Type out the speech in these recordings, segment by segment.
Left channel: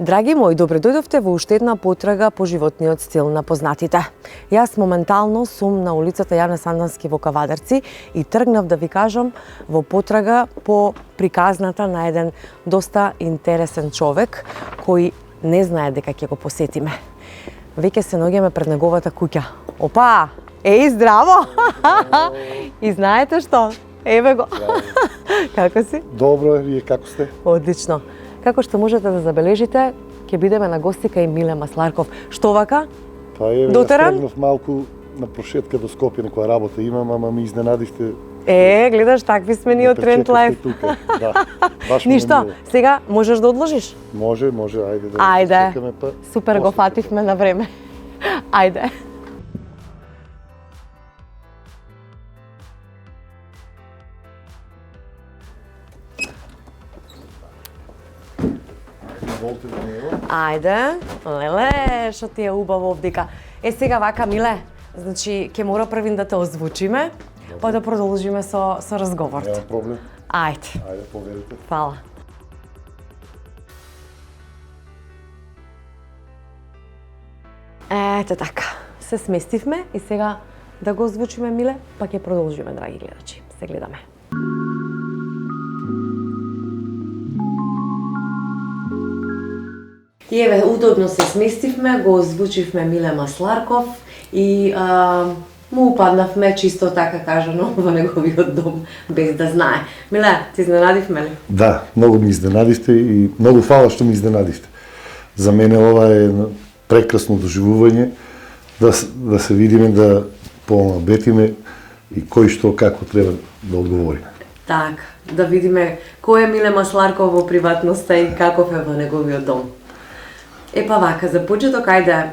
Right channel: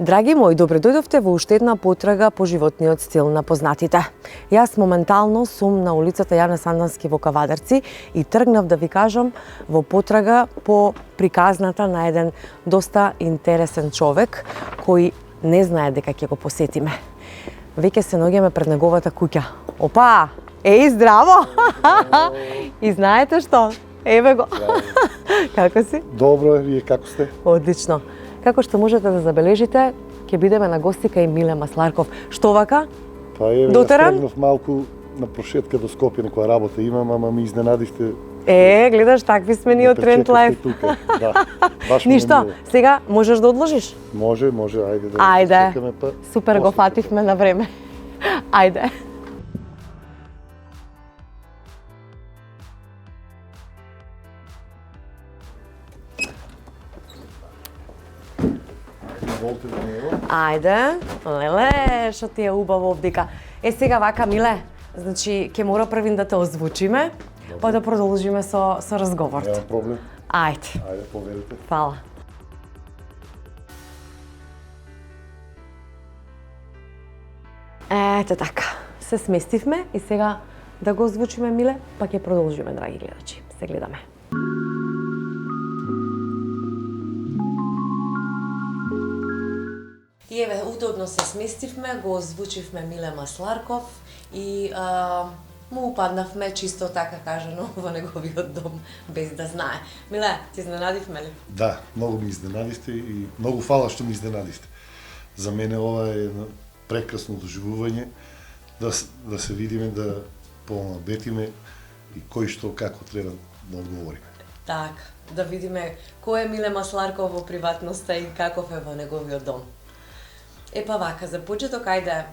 Драги мои, добре дојдовте во уште една потрага по животниот стил на познатите. Јас моментално сум на улицата Јане Сандански во Кавадарци и тргнав да ви кажам во потрага по приказната на еден доста интересен човек кој не знае дека ќе го посетиме. Веќе се наоѓаме пред неговата куќа. Опа! Еј, здраво! И знаете што? Еве го. Како си? Добро, вие како сте? Одлично. Како што можете да забележите, ќе бидеме на гости кај Миле Масларков. Што вака? Па еве, Дотеран? стегнав малку на прошетка до Скопје, некоја работа имам, ама ми изненадихте. Гледаш, такви сме ние од Тренд Лайф. Да, баш ми Ништо, мило. сега можеш да одложиш? Може, ајде да Ајде. чекаме па. Супер, го после фативме на време. Ајде. Волте до него. Ајде. Леле, што ти е убаво овдека. Сега вака, Миле, значи ќе мора првин да те озвучиме, па да продолжиме со разговорот. Нема проблем. Ајде. Ајде, поверите. Фала. Ете така, се сместивме и сега да го озвучиме, Миле, па ќе продолжиме, драги гледачи. Се гледаме. И еве, удобно се сместивме, го озвучивме Миле Масларков и му упаднавме чисто така кажано во неговиот дом, без да знае. Миле, ти изненадивме ли? Да, многу ми изненадивте и многу фала што ми изненадивте. За мене ова е едно прекрасно доживување, да се видиме, да помабетиме и кој што како треба да одговориме. Так, да видиме кој е Миле Масларков во приватноста и каков е во неговиот дом. Епа вака, за почеток, ајде,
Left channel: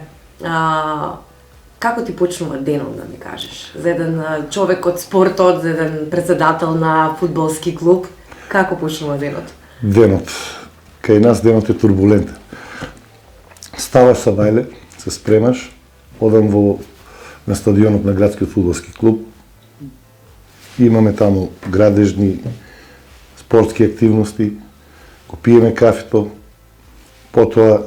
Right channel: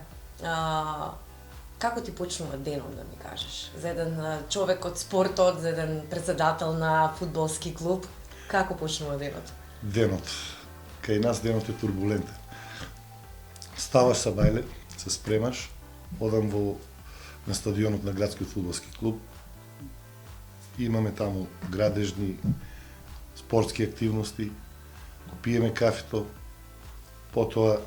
како ти почнува денот, да ми кажеш? За еден човек од спортот, за еден председател на фудбалски клуб, како почнува денот? Денот. Кај нас денот е турбулентен. Ставаш са бајле, се спремаш, одам на стадионот на градскиот фудбалски клуб. Имаме таму градежни спортски активности, го пиеме кафето, потоа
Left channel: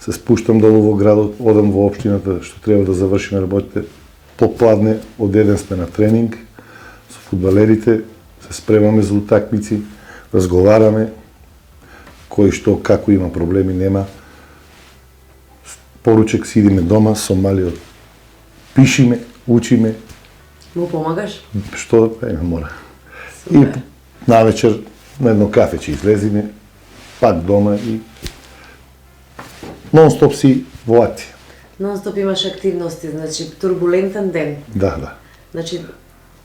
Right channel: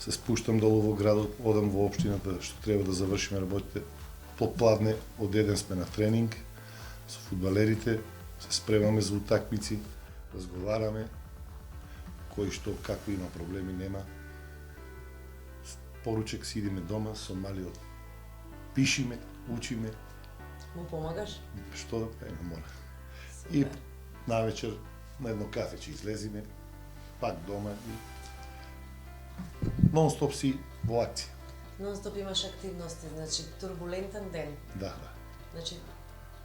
се спуштам долу во градот, одам во општината што треба да завршиме работите. Попладне од еден сме на тренинг со фудбалерите, се спремаме за утакмици, разговараме кој што како има проблеми, нема. Поручек сидиме дома со малиот. Пишиме, учиме, Му помагаш? што мора. И Супер. навечер на едно кафе ќе излезиме, пак дома и нон-стоп си во акција. Нон-стоп имаш активности, значи турбулентен ден. Да. Значи,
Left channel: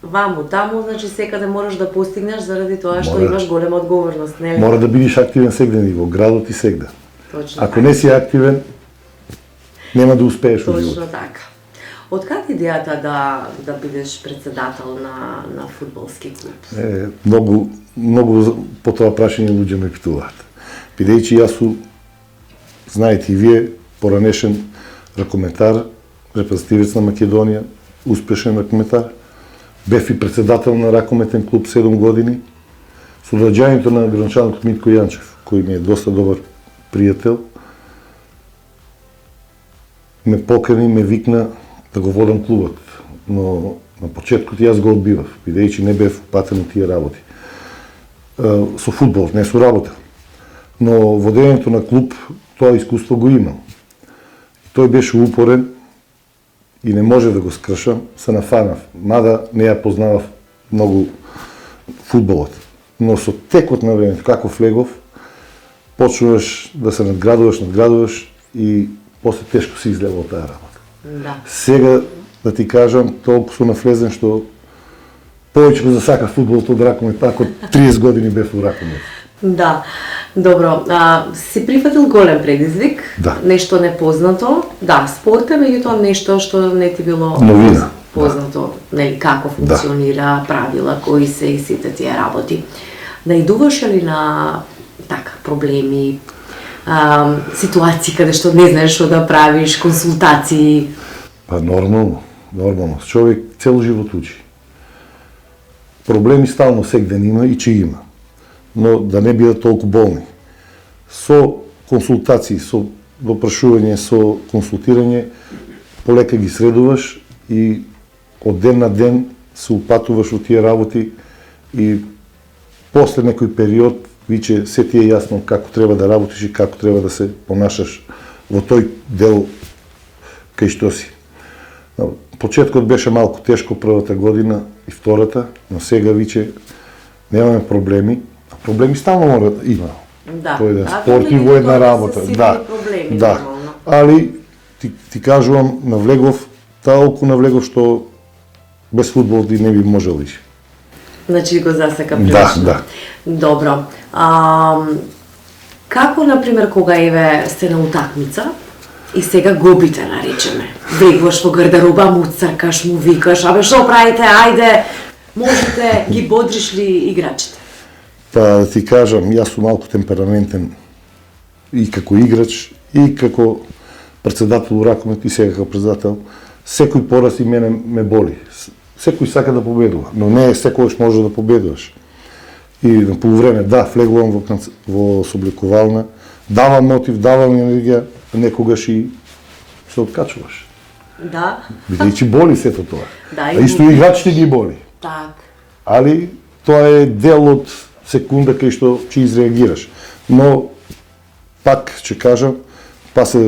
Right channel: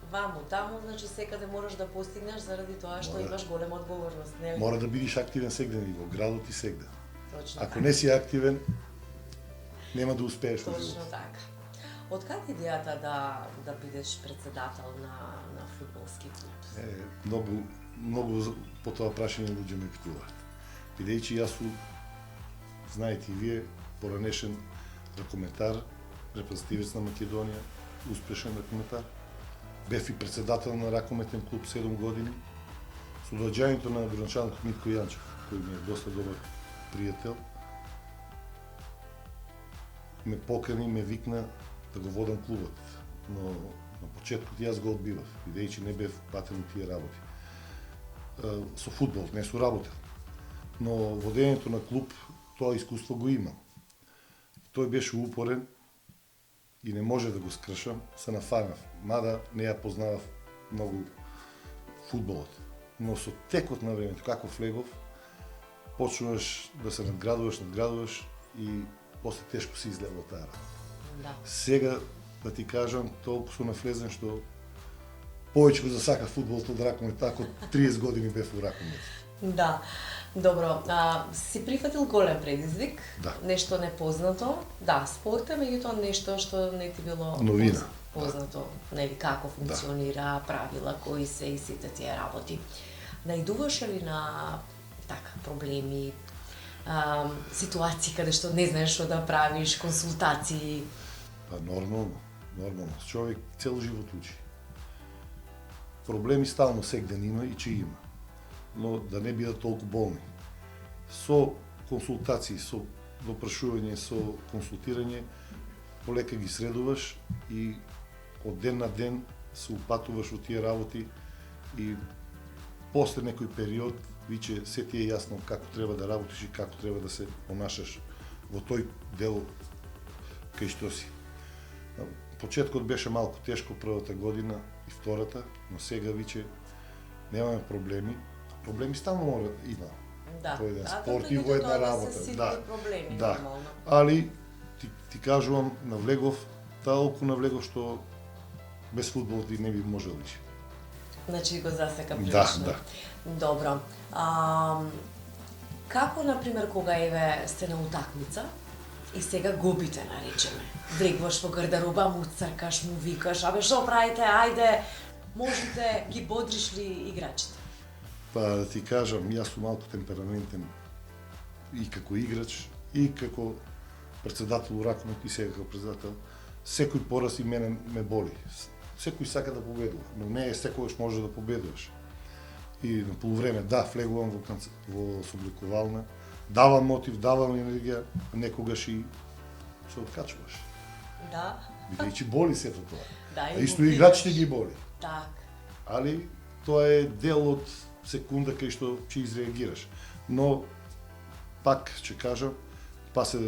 ваму, таму, значи секаде можеш да постигнеш заради тоа што Мора. имаш голема одговорност, нели? Мора да бидеш активен сегде и во градот и сегде. Точно Ако така. не си активен, нема да успееш во Точно животот. така. Од каде идејата да бидеш председател на фудбалски клуб? Многу по тоа прашање луѓе ме питуваат. Бидејќи јас сум, знаете и вие, поранешен ракометар, репрезентативец на Македонија, успешен ракометар. Бев и председател на ракометен клуб 7 години. Со доаѓањето на гранчанот Митко Јанчев, кој ми е доста добар пријател, ме покани, ме викна да го водам клубот. Но на почеткот јас го одбивав, бидејќи не бев патен од тие работи. Со фудбал, не со работа. Но водењето на клуб, тоа искуство го имам. Тој беше упорен и не може да го скршам, се нафанав. Мада не ја познавав многу фудбалот. Но со текот на времето, како влегов, почнуваш да се надградуваш и после тешко се излева од таа работа. Да. Сега, да ти кажам, толку сум навлезен што повеќе го засака фудбалот од ракомет, ако 30 години бев во ракомет. Да. Добро, си прифатил голем предизвик, Да. нешто непознато. Да, спорт е, меѓутоа нешто што не ти било Новина. познато, нели, како функционира, правила, кои се и сите тие работи. Наидуваш ли на така проблеми, ситуации каде што не знаеш што да правиш, консултации? Па нормално. Човек цел живот учи. Проблеми стално секден има и че има. Но да не бидат толку болни. Со консултации, со допрашување, со консултирање, полека ги средуваш и од ден на ден се упатуваш во тие работи и после некој период виче се ти е јасно како треба да работиш и како треба да се понашаш во тој дел кај што си. Почеткот беше малку тешко првата година и втората, но сега виче немаме проблеми. Проблеми стално мора да има. Да, Тој е спорт и во една работа. Да, проблеми, да. нормално. Али ти кажувам, навлегов, толку навлегов што без фудбал ти не би можел више. Значи го засека Да, прилично. да. Добро. Како, например, кога еве сте на утакмица и сега губите, наречеме, влегваш во гардероба, му цркаш, му викаш, абе што правите, ајде, можете, ги бодриш ли играчите? Па да ти кажам, јас сум малку темпераментен и како играч, и како председател у ракомет, и сега како председател. Секој пораз и мене ме боли. Секој сака да победува, но не секогаш може да победуваш. И на полувреме, да, влегувам во собликувална, давам мотив, давам енергија, а некогаш и се откачуваш. Да. Бидејќи боли сето тоа. Да, А исто и играчите ги боли. Так. Али тоа е дел од секунда кај што ќе изреагираш. Но пак ќе кажам, па се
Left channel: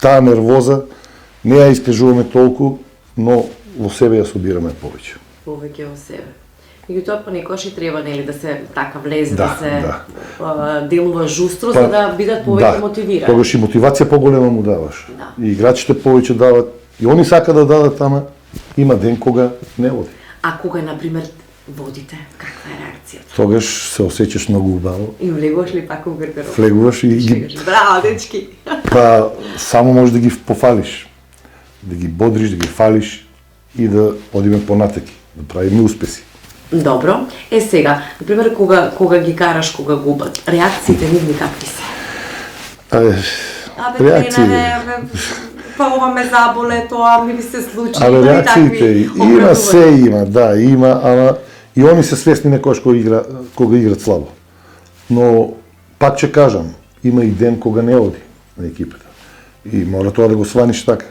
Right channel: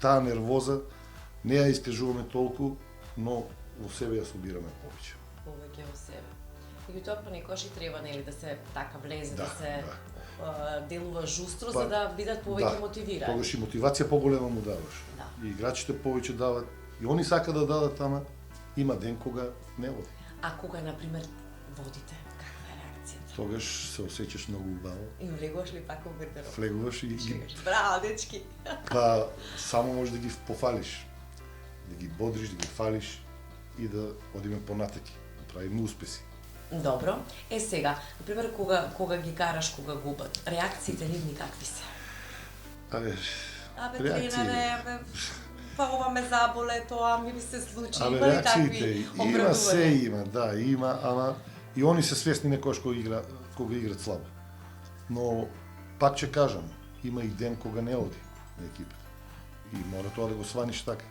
таа нервоза не ја искажуваме толку, но во себе ја собираме повеќе. Повеќе во себе. Меѓутоа понекогаш и треба нели да се така влезе, да се делува жустро за да бидат повеќе мотивирани. Тогаш и мотивација поголема му даваш. Да. И играчите повеќе дават, и они сака да дадат, ама има ден кога не води. А кога, например, водите, каква е реакцијата? Тогаш се осеќаш многу убаво, И влегуваш ли пак во гардероб? влегуваш и ги Браво, дечки! па само можеш да ги пофалиш, да ги бодриш, да ги фалиш и да одиме понатаки, да правиме успеси. Добро. Сега, например, кога ги караш, кога губат, реакциите нивни какви се? Абе, тренере, па ова ме заболе, тоа ми се случи. Абе, Има и реакциите такви има, се обратувања. има, да, има, ама и они се свесни некојаш кога играат слабо. Но пак ќе кажам, има и ден кога не оди на екипата. И мора тоа да го сваниш така.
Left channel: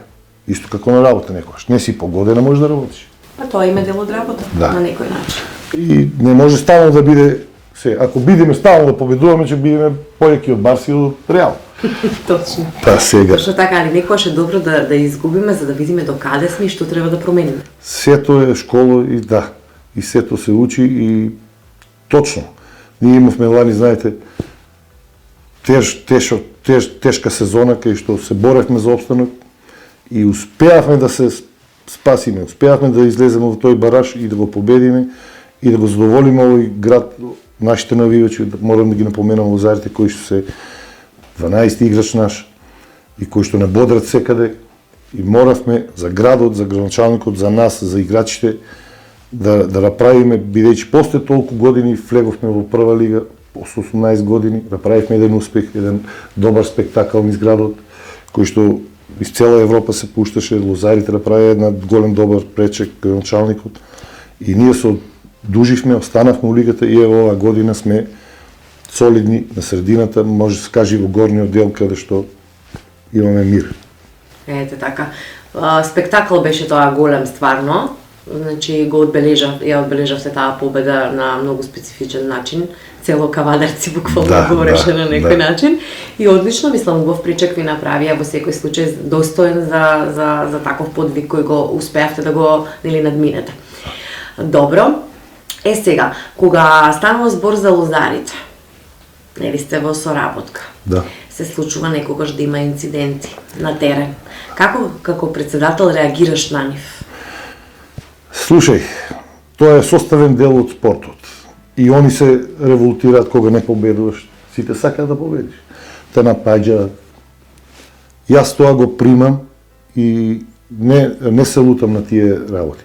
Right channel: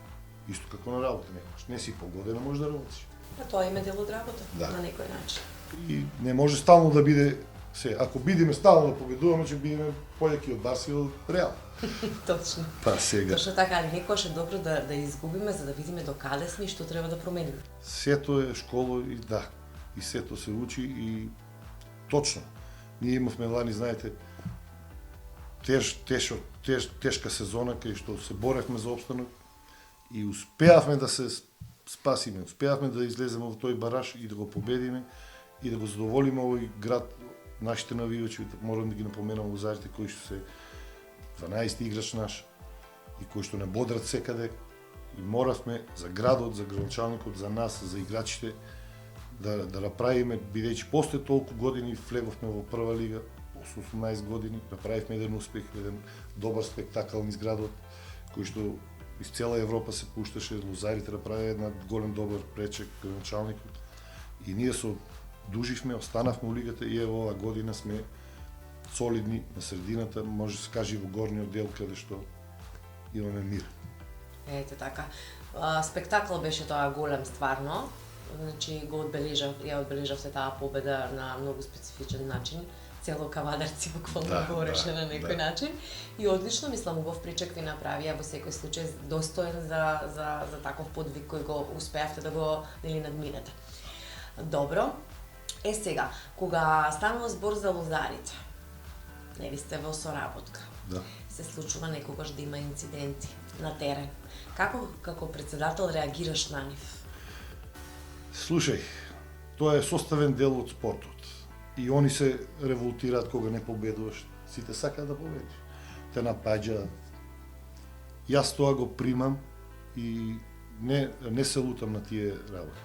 Исто како на работа некојаш. Не си погодена, можеш да работиш. А тоа има дел од работа, Да. на некој начин. И не може стално да биде ако бидеме стално да победуваме, ќе бидеме појаки од Барси и од Реал. Точно. Па сега. Точно така, али некојаш е добро да изгубиме за да видиме до каде сме и што треба да промениме. Сето е школа и да, и сето се учи и точно. Ние имавме лани, знаете, тешка сезона кај што се боревме за опстанок и успеавме да се спасиме, успеавме да излеземе во тој бараж и да го победиме и да го задоволиме овој град, нашите навивачи, морам да ги напоменам лозарите кои што се 12 играч наш и кои што не бодрат секаде и моравме за градот, за градоначалникот, за нас, за играчите да направиме, бидејќи после толку години влеговме во прва лига, после 18 години, направивме еден успех, еден добар спектакл низ градот, кој што из цела Европа се пушташе, лозарите направи една голем добар пречек градоначалникот и ние се одуживме, останавме во лигата и ево оваа година сме солидни на средината, може да се каже во горниот дел каде што имаме мир. Ете така. Спектакл беше тоа голем стварно. Значи ја одбележавте таа победа на многу специфичен начин. Цело Кавадарци буквално говореше на некој начин. И одлично, мислам, убав причек ви направија во секој случај достоен за таков подвиг кој го успеавте да го надминете. Добро. Сега, кога станува збор за лозарите, нели сте во соработка? Да. Се случува некогаш да има инциденти на терен. Како председател реагираш на нив? Слушај, тоа е составен дел од спортот. И они се револтираат кога не победуваш. Сите сакаат да победиш. Те напаѓаат. Јас тоа го примам и не се лутам на тие работи.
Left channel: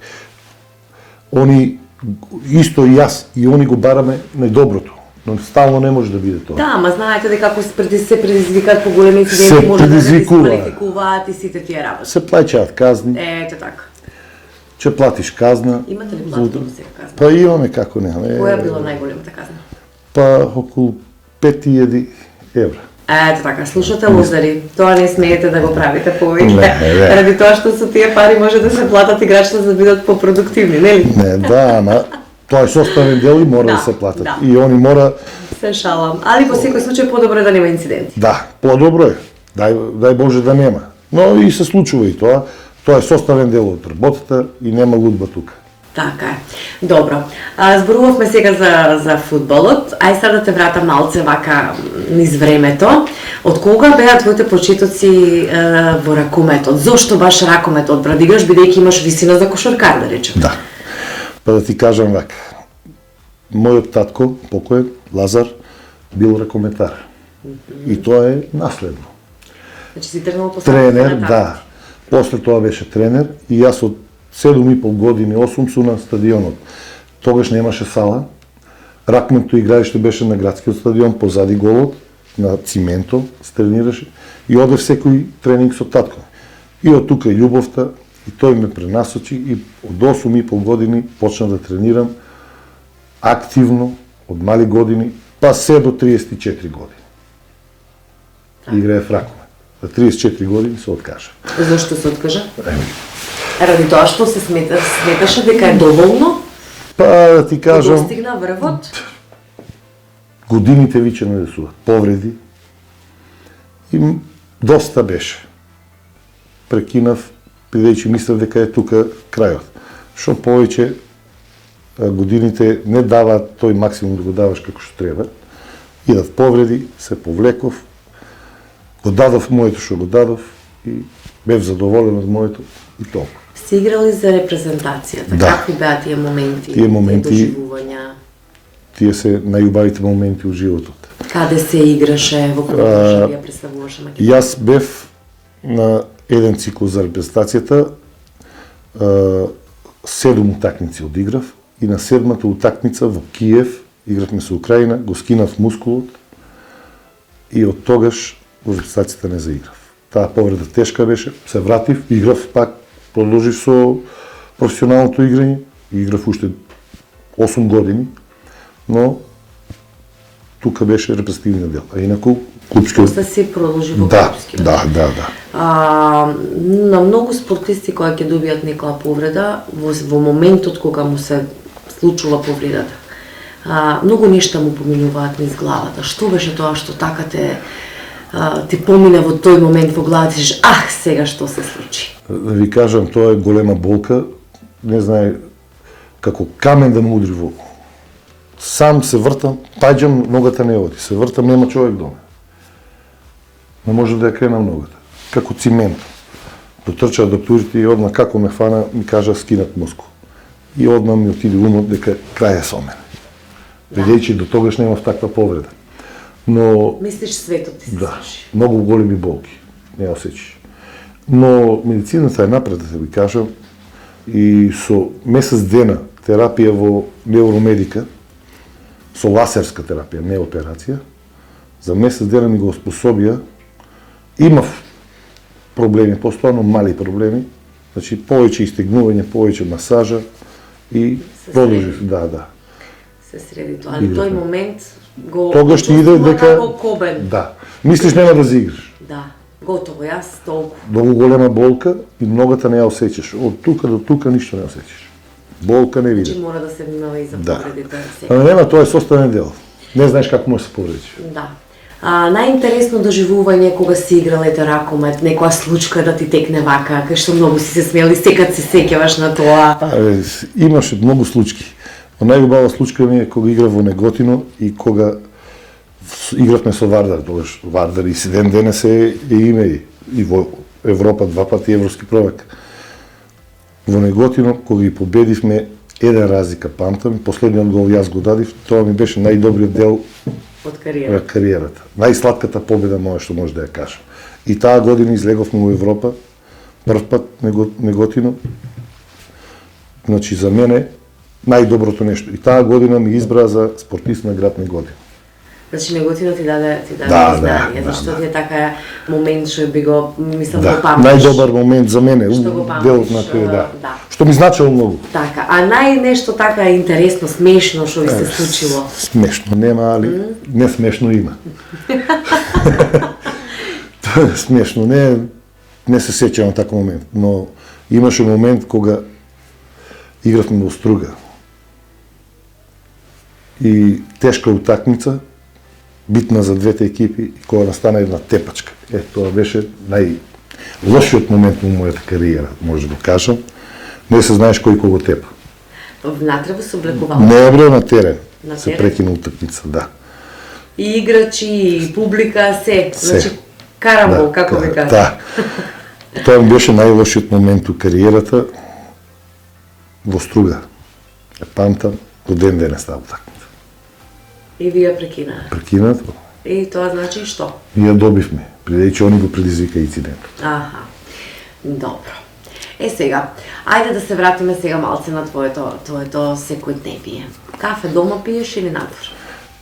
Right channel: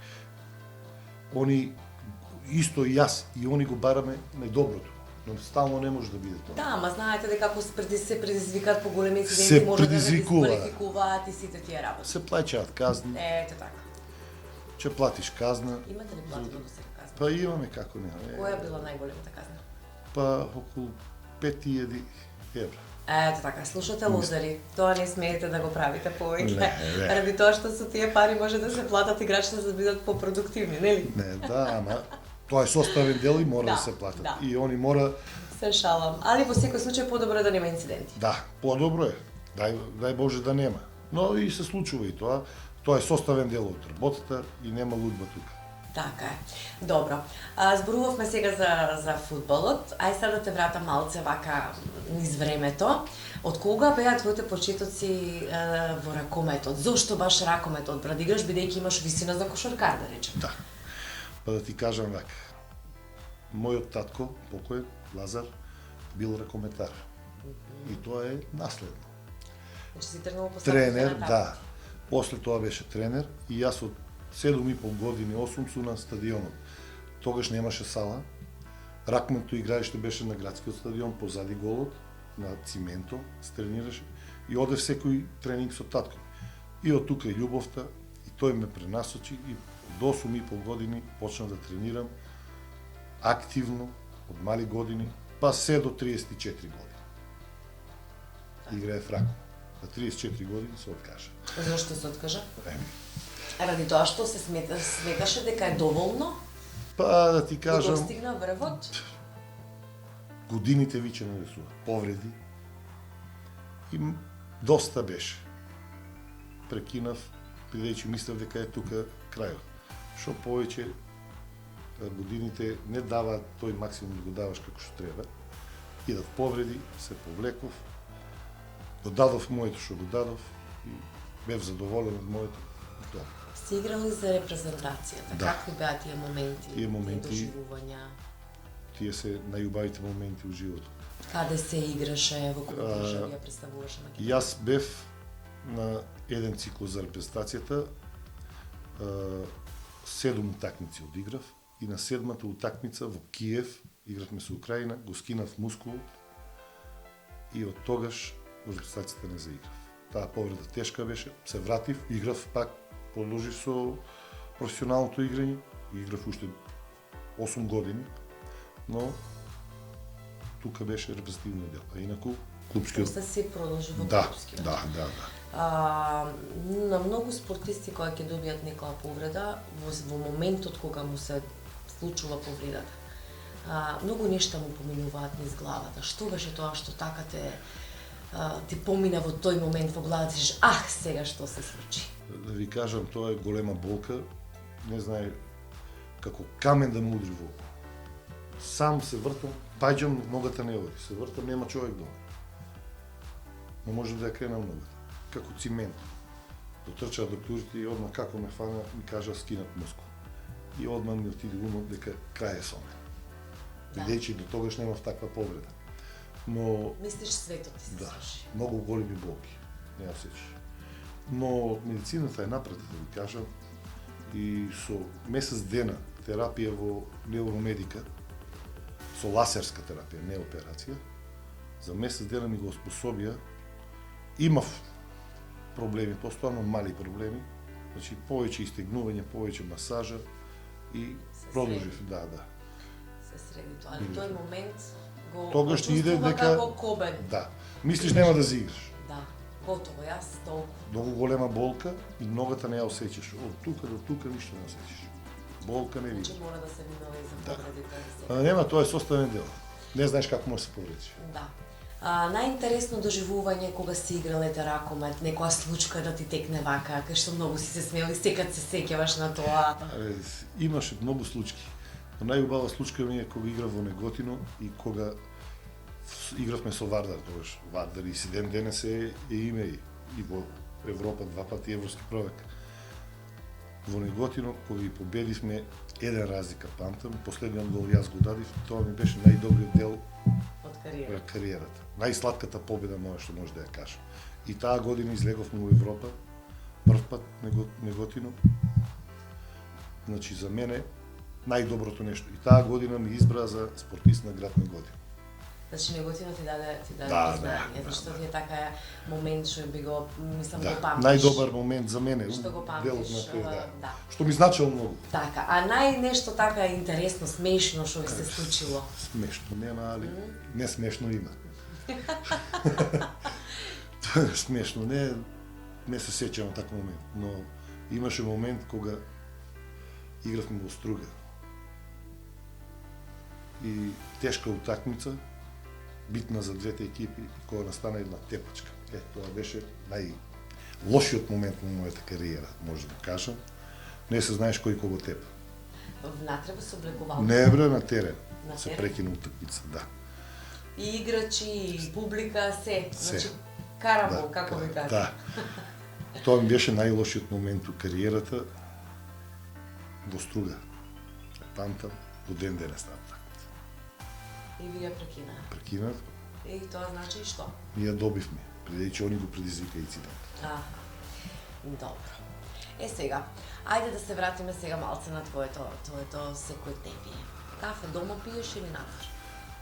Они, исто и јас, и они го бараме најдоброто. Но стално не може да биде тоа. Да, ама знаете дека ако се предизвикаат поголеми инциденти, може да се дисквалификуваат и сите тие работи. Се плаќаат казни. Ете така. Ќе платиш казна. Имате ли платено сега казна? Па имаме, како немаме. Која била најголемата казна? Па околу 5.000 евра. Ето така, слушате лузари, тоа не смеете да го правите повеќе. Не. Ради тоа што со тие пари може да се платат играчите за да бидат попродуктивни, нели? Не, да, ама тоа е составен дел и мора да се платат. Да. И они мора... Се шалам. Али во секој случај подобро е да нема инциденти. Да, по-добро е. Дај Боже да нема. Но и се случува и тоа. Тоа е составен дел од работата и нема лудба тука. Така е. Добро. Зборувавме сега за фудбалот. Ај сега да те врата малце вака низ времето. Од кога беа твоите почетоци во ракометот? Зошто баш ракометот, брат, играш бидејќи имаш висина за кошаркар, да речем? Да. Па да ти кажам вака. Мојот татко, покоен, Лазар, бил ракометар. И тоа е наследно. Значи си тргнал по Тренер, да. После тоа беше тренер и јас од 7,5 години, 8 сум на стадионот. Тогаш немаше сала. Ракметто играиште беше на градскиот стадион, позади голот, на цименто, се тренираше и одев секој тренинг со татко. И од тука и љубовта, и тој ме пренасочи и од 8,5 години почна да тренирам активно, од мали години, па се до 34 години. Играев ракомет. За 34 години се откажа. Зошто се откажа? Ради тоа што се сметаше дека е доволно? Па да ти кажам, Достигна врвот? годините виќе не су повреди и доста беше. Прекинав, бидејќи мислев дека е тука крајот. Што повеќе годините не даваат тој максимум да го даваш како што треба. Идат повреди, се повлеков, го дадов моето што го дадов и бев задоволен од моето и толку. Сте играли за репрезентацијата. Да. Какви беа тие моменти? Тие моменти- доживувања? Тие се најубавите моменти во животот. Каде се играше, во која држави ја представуваше Македонија? Јас бев на еден циклус за репрезентацијата, 7 утакмици одиграв и на 7-та утакмица во Киев, игравме со Украина, го скинав мускулот и од тогаш во репрезентацијата не заиграв. Таа повреда тешка беше, се вратив, играв пак, продолжив со професионалното играње, играв уште 8 години, но тука беше репрезентативниот дел. А инаку клупскиот... После си продолжи во Да, клупскиот. да. На многу спортисти кои ќе добијат некоја повреда, во моментот кога му се случува повредата, многу нешта му поминуваат низ главата. Што беше тоа што така ти помине во тој момент во главата и сега што се случи? Да ви кажам, тоа е голема болка, не знае како камен да ме удри во. Сам се вртам, паѓам, ногата не оди. Се вртам, нема човек до мене. Не може да ја кренам ногата. Како цимент. Дотрчаа докторите и одма како ме фана, ми кажа скинат мускул. И одма ми отиде умот дека крај е со мене. Бидејќи до тогаш немав таква повреда. Но Мислиш светот ти се да, сврши? многу големи болки, не осеќаш. Но медицината е напред, да ви кажам, и со месец дена терапија во невромедика, со ласерска терапија, не операција, за месец дена ми го способија, имав проблеми, постојано мали проблеми, значи повеќе истегнување, повеќе масажа и Се продолжив, среди. да. Се среди тоа. Али тој момент го Тогаш ти иде почувствува дека... како кобен. Да. Мислиш нема да заиграш. Да. Готово, јас толку. Многу голема болка и ногата не ја осеќаш. Од тука до тука ништо не осеќаш. Болка не Значи видиш. мора да се внимава и за Да. повредите. Ама нема, тоа е составен дел. Не знаеш како може да се повредиш. Да. Најинтересно доживување кога си играл ете ракомет, некоја случка да ти текне вака, кај што многу си се смели, секад се сеќаваш на тоа. Имаше многу случки. Но најубава случка ми е кога играв во Неготино и кога игравме со Вардар, тогаш Вардар и Сиден денес е име и во Европа 2 пати европски prvак. Во Неготино кога ги победивме еден разлика, памтам, последниот гол јас го дадив, тоа ми беше најдобриот дел Од кариера. на кариерата. Најсладката победа моја што може да ја кажам. И таа година излеговме во Европа, прв пат Неготино. Значи за мене најдоброто нешто. И таа година ми избра за спортист на град Неготино. Значи неготино ти даде Да, признание, да, зашто да. ти е така момент што би го, мислам, Да, го памтиш. најдобар момент за мене, Што го памтиш, делот на кој, да. да. Што ми значило многу. Така, а нешто така интересно, смешно што ви се случило? Смешно нема, али не смешно има. Тоа е смешно, не се сеќам на таков момент, но имаше момент кога игравме во Струга. И тешка утакмица, битна за двете екипи, и кога настана една тепачка. Тоа беше најлошиот момент во мојата кариера, може да кажам. Не се знаеш кој кого тепа. Внатре во се облекувало? Не бре на терен. На се терен? прекина утакмица, да. И играчи, и публика, се. Значи, карамбол, како ви кажа. Да. Тоа ми беше најлошиот момент у кариерата во Струга. Памтам, до ден денес таа утакмица. И вие прекинаа. Прекинат, И тоа значи што? и ја добивме, бидејќи они го предизвика инцидент. Аха. Добро. Сега, ајде да се вратиме сега малце на твоето секојдневие. Кафе дома пиеш или надвор?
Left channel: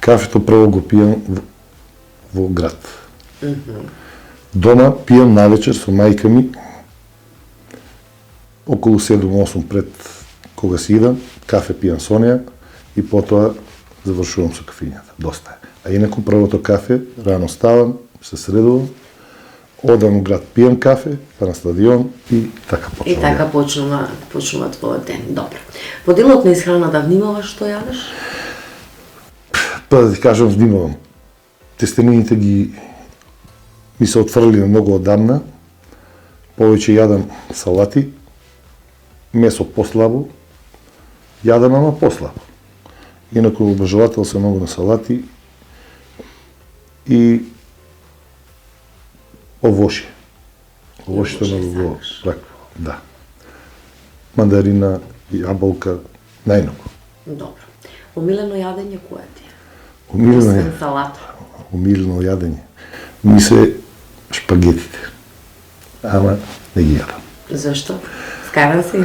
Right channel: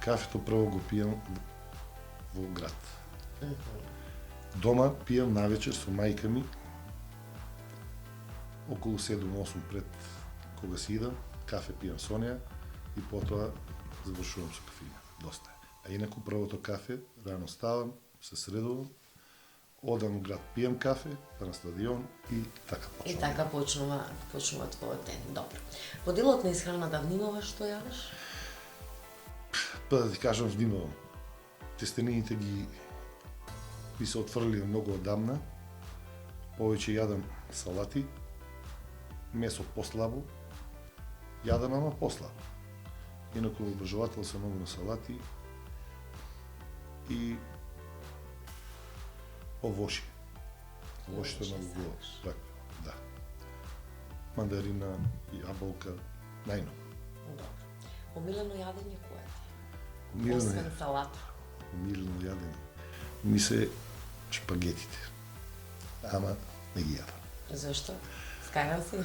Кафето прво го пијам во град. Дома пијам навечер со мајка ми, околу 7-8 пред кога си идам, кафе пијам со неја и потоа завршувам со кафињата. Доста е. А инаку првото кафе, рано ставам, се средувам, одам у град, пијам кафе, па на стадион и така почнувам. И така почнува твојот ден. Добро. Во делот на исхраната внимаваш што јадеш? Па да ти кажам, внимавам. Тестенините ги ми се отфрли многу одамна. Повеќе јадам салати, месо послабо, јадам ама послабо. Инаку обожавател се многу на салати и овошје. Овошјето овошје многу сакаш. го да. Мандарина, јаболка, најмногу. Добро. Омилено јадење кое ти е? Умилено е. Освен салата. Умилено јадење. Ми се шпагетите. Ама не ги јадам. Зашто? Скаран си?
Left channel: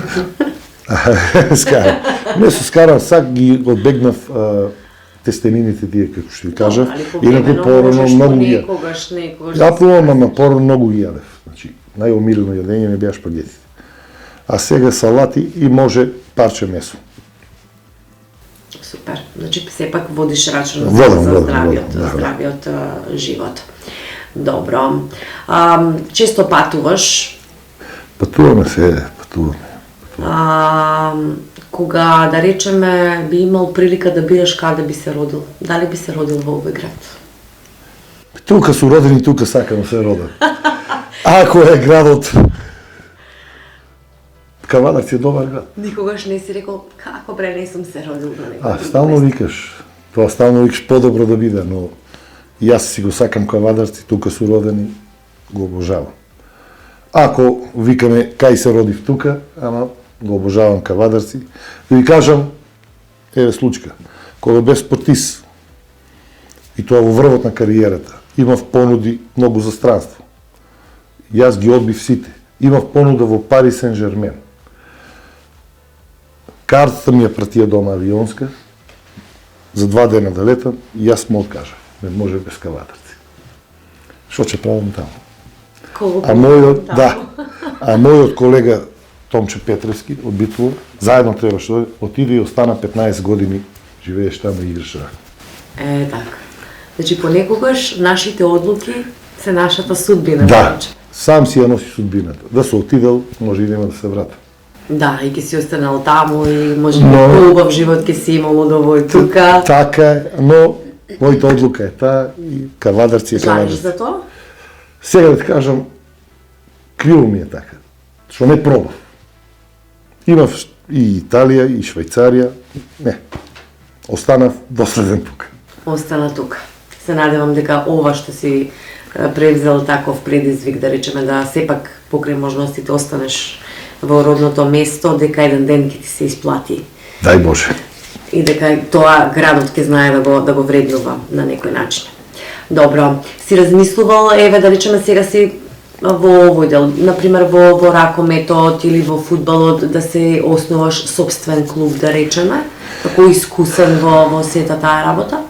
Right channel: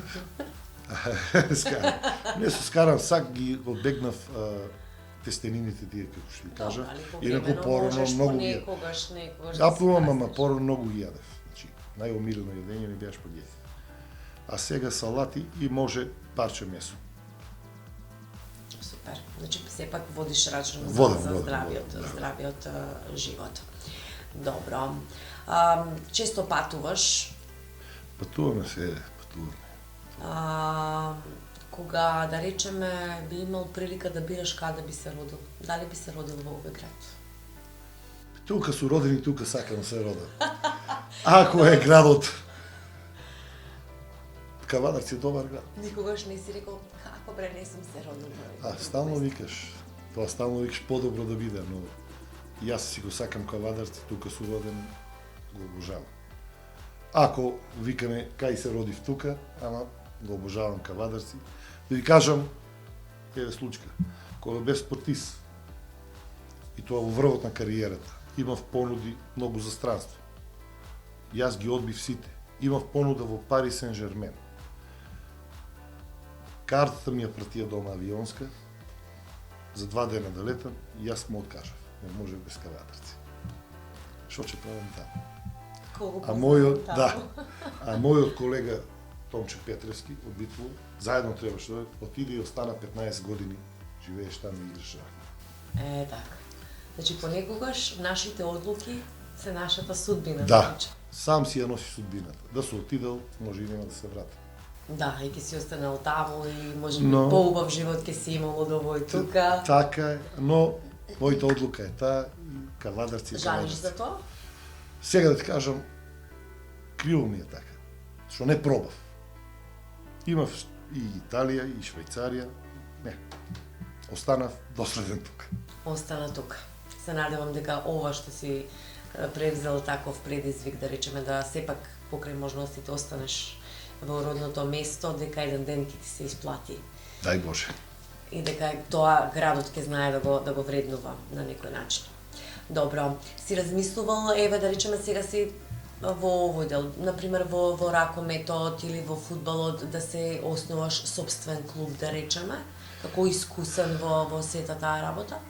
Скарам. Не се скарам, сак ги одбегнав тестенините тие, како што ви кажав. Али Инаку порано многу ги јадев. некогаш. Ја пробам, ама порано многу ги јадев. Значи, најомилено јадење ми беа шпагетите. А сега салати и може парче месо. Супер. Значи, сепак водиш рачун Водам, за водам, да. здравиот живот. Добро. Често патуваш. Патуваме се, патуваме. Кога, да речеме, би имал прилика да бираш каде би се родил, дали би се родил во овој град? Тука су родени, тука сакам да се родам. Ако е градот, Кавадарци е добар град. Никогаш не си рекол, како бре, не сум се родил на некој друг Стално место. викаш. Тоа стално викаш подобро да биде, но и јас си го сакам Кавадарци, тука су родени, го обожавам. Ако викаме кај се родив тука, ама го обожавам Кавадарци, да ви кажам, еве случка, кога бев спортист, и тоа во врвот на кариерата, имав понуди многу за странство. Јас ги одбив сите. Имав понуда во Пари Сен-Жермен. Картата ми ја пратија дома авионска, за 2 дена да летам, и јас му откажав. Не може без Кавадарци. Што ќе правам таму? А мојот колега Томче Петревски од Битово, заедно требаше да отиде и остана 15 години, живееш таму и играш рак. Така. Значи, понекогаш нашите одлуки се нашата судбина. Да, повеќе. сам си ја носи судбината. Да се отидел, може и нема да се врата. Да, и ќе си останал таму и може би Но- поубав живот ќе си имал од овој тука. Така е, но мојата одлука е таа и Кавадарци е Жалиш Кавадарци. за тоа? Сега да ти кажам, криво ми е така, што не пробав. Имав и Италија, и Швајцарија, не. Останав доследен тука. Остана тука. Се надевам дека ова што си превзел таков предизвик, да речеме, да сепак покрај можностите останеш во родното место, дека еден ден ќе ти се исплати. Дај Боже. И дека тоа градот ќе знае да го вреднува на некој начин. Добро, си размислувал, еве да речеме сега си во овој дел, например во ракометот или во фудбалот, да се основаш собствен клуб, да речеме, како искусен во сета таа работа?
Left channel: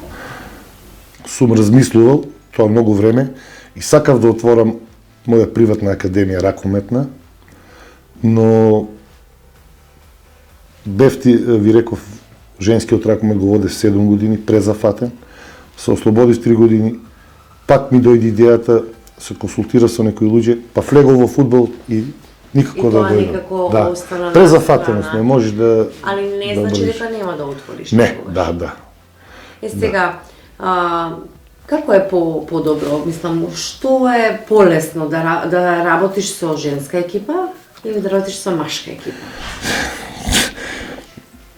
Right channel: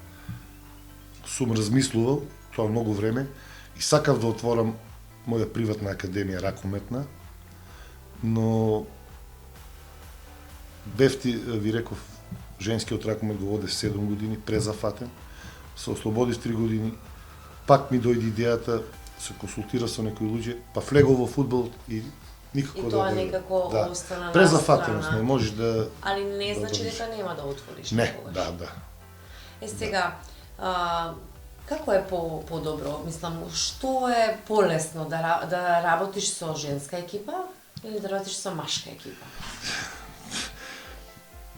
сум размислувал тоа многу време и сакав да отворам моја приватна академија ракометна, но ви реков, женскиот ракомет го водев 7 години, презафатен, се ослободив 3 години, пак ми дојде идејата, се консултира со некои луѓе, па влегов во фудбал и никако да дојдам. И тоа никако остана на презафатеност, страна. не можеш да... Али не да значи бъдеш. дека нема да отвориш. Не, некогаш. да. Сега, како е подобро? Мислам, што е полесно да работиш со женска екипа или да работиш со машка екипа?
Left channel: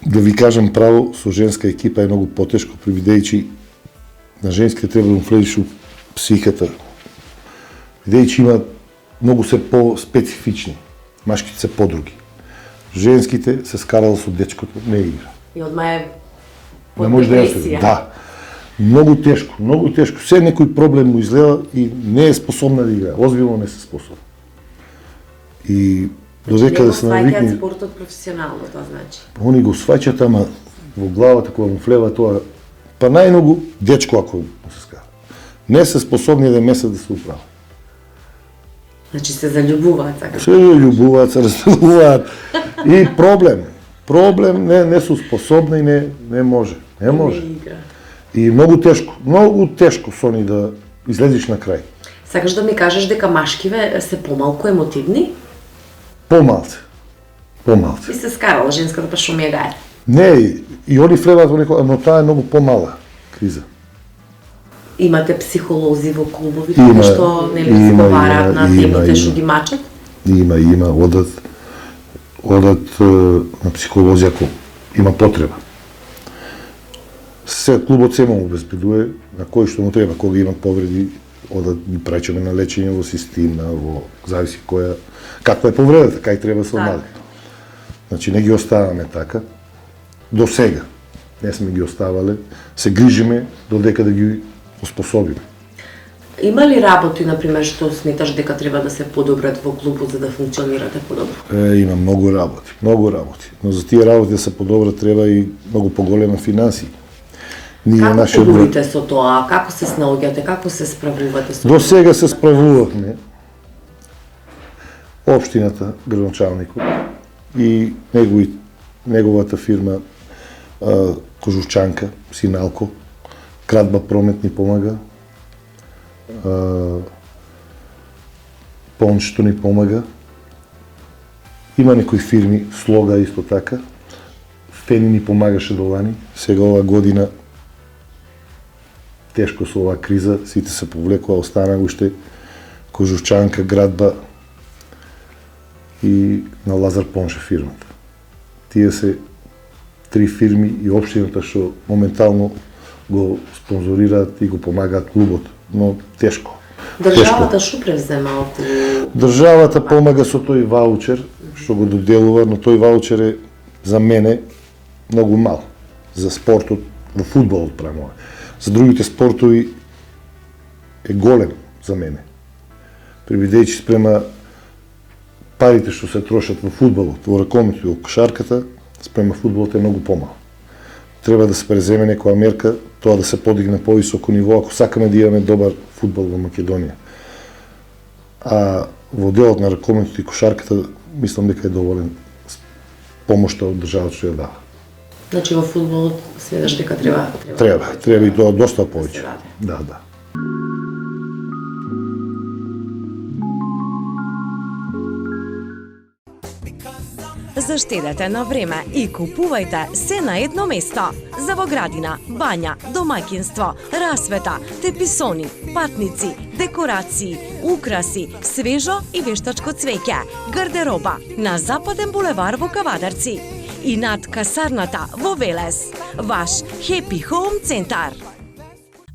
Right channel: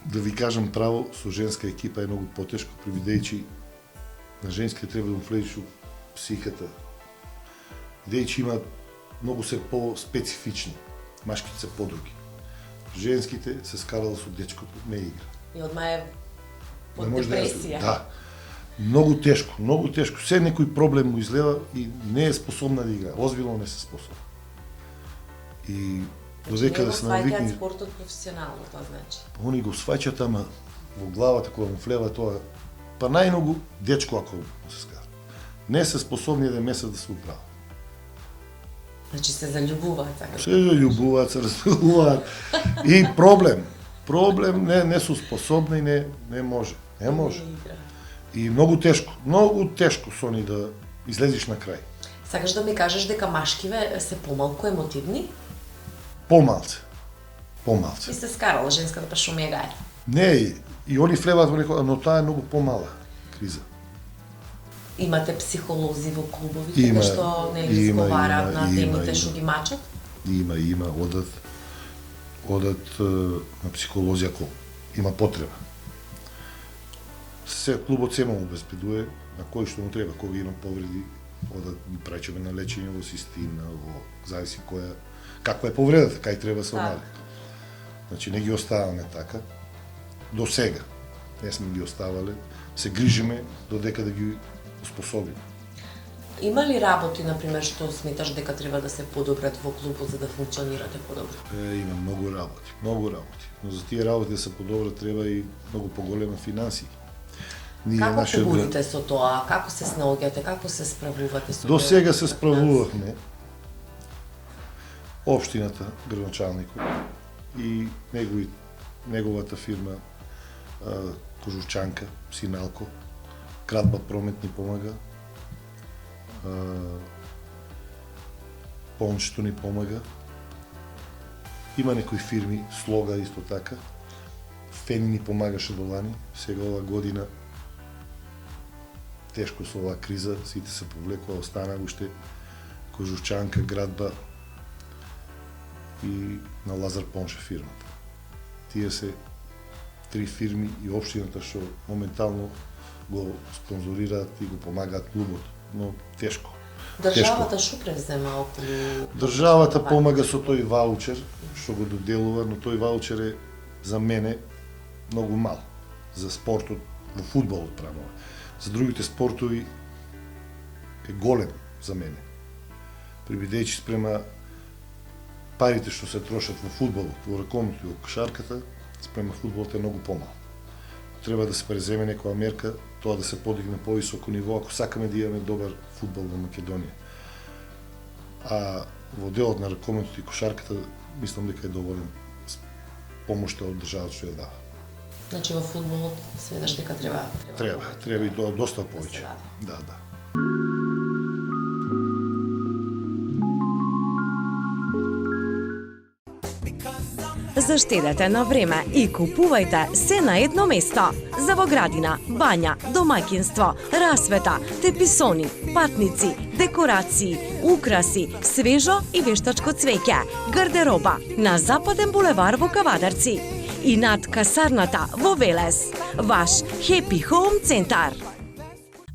Да ви кажам право, со женска екипа е многу потешко, бидејќи на женските треба да влезеш у психата. Бидејќи има многу се по-специфични, машките се подруги. Женските се скарал со дечкото, не игра. И одма е Не може да депресија. Да. Многу тешко. Се некој проблем му излева и не е способна да игра. Озбилно не се способна. И додека да се навикне... Не го сваќаат спортот професионално, тоа значи. Они го сваќаат, ама во главата кога му влева тоа, па најмногу дечко ако се скара. Не се способни да месец да се управа. Значи се заљубуваат, така. Се љубуваат, се разлюбуваат. И проблем не су способни, не може. Не може. игра. И многу тешко со ни да излезеш на крај. Сакаш да ми кажеш дека машкиве се помалку емотивни? Помалце. И се скарала женската па што ми е гај. Не, и они влеваат во некоја, но таа е многу помала криза. Имате психолози во клубовите што нели разговараат на темите што ги мачат? Има, одат на психолози ако има потреба. Клубот се му обезбедува на кој што му треба, кога има повреди, одат ги пречеме на лечење во система, зависи каква е повредата, кај треба се омади. Значи не ги оставаме така. До сега не сме ги оставале, се грижиме додека да ги оспособиме. Има ли работи, например, што сметаш дека треба да се подобрат во клубот за да функционирате подобро? Има многу работи. Но за тие работи да се подобрат треба и многу поголема финансии. Како подобрите со тоа? Како се снаоѓате? Како се справувате со тоа? До сега се справувавме. Општината, градоначалникот и неговата фирма Кожувчанка, Синалко, Крадба Промет ни помага, Пончето ни помага. Има некои фирми, Слога исто така, Фени ни помагаше до лани. Сега ова година тешко со оваа криза, сите се повлекува, остана уште Кожувчанка, Градба и на Лазар Понче фирмата. Тие се 3 фирми и општината што моментално го спонзорираат и го помагаат клубот, но тешко. Државата што превзема околу... Државата помага со тој ваучер што го доделува, но тој ваучер е за мене многу мал. За спортот, во фудбалот правимо. За другите спортови е голем за мене. Бидејќи спрема парите што се трошат во фудбалот, во ракометот и во кошарката, спрема фудбалот е многу помал. Треба да се преземе некоја мерка, тоа да се подигне повисоко ниво, ако сакаме да имаме добар фудбал во Македонија. А во делот на ракометот и кошарката, мислам дека е доволен помошта од државата што ја дава. Значи во фудбалот сметаш дека треба Треба и тоа доста повеќе. Да. Заштедете на време и купувајте се на едно место. За во градина, бања, домаќинство, расвета, теписони, патници, декорации, украси, свежо и вештачко цвеќе, гардероба на Западен булевар во Кавадарци и над касарната во Велес. Ваш Happy Home центар.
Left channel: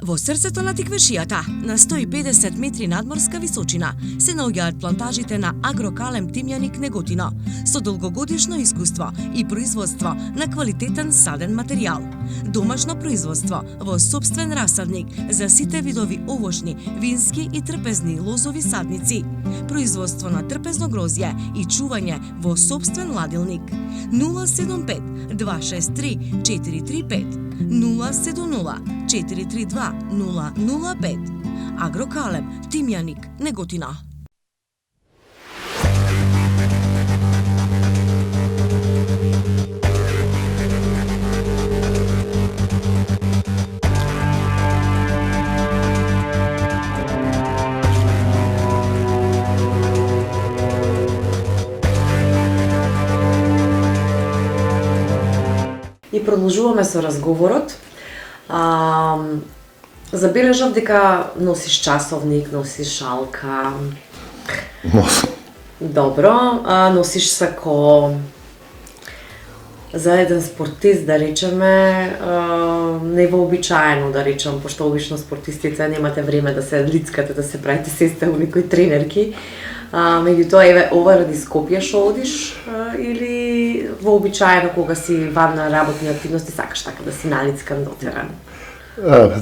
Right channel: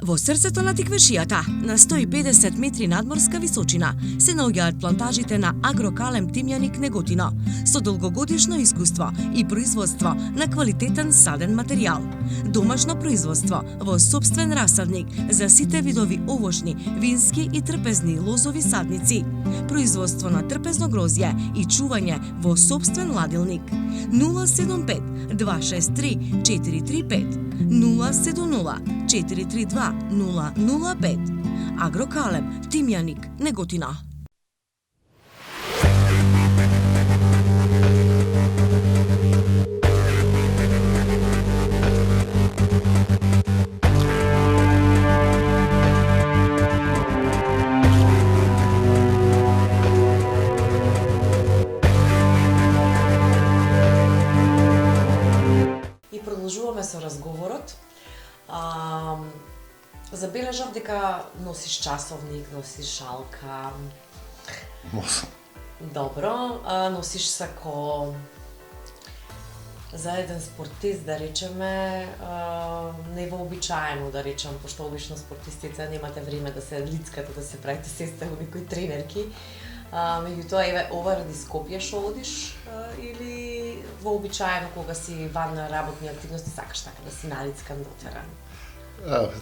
Во срцето на Тиквешијата, на 150 метри надморска височина, се наоѓаат плантажите на Агрокалем Тимјаник Неготино, со долгогодишно искуство и производство на квалитетен саден материјал. Домашно производство во сопствен расадник за сите видови овошни, вински и трпезни лозови садници. Производство на трпезно грозје и чување во сопствен ладилник. 075 263 435 070 432 005. Агрокалеб, Тимјаник, Неготина. И продолжуваме со разговорот. Забележав дека носиш часовник, носиш шалка. Носам. Добро, носиш сако. За еден спортист, да речеме, не е вообичаено, да речем, пошто обично спортистите немате време да се лицкате, да се правите сестел некои тренерки. Меѓутоа, еве, ова ради Скопје шо одиш или вообичаено кога си ван на работни активности сакаш така да си налицкан до терен?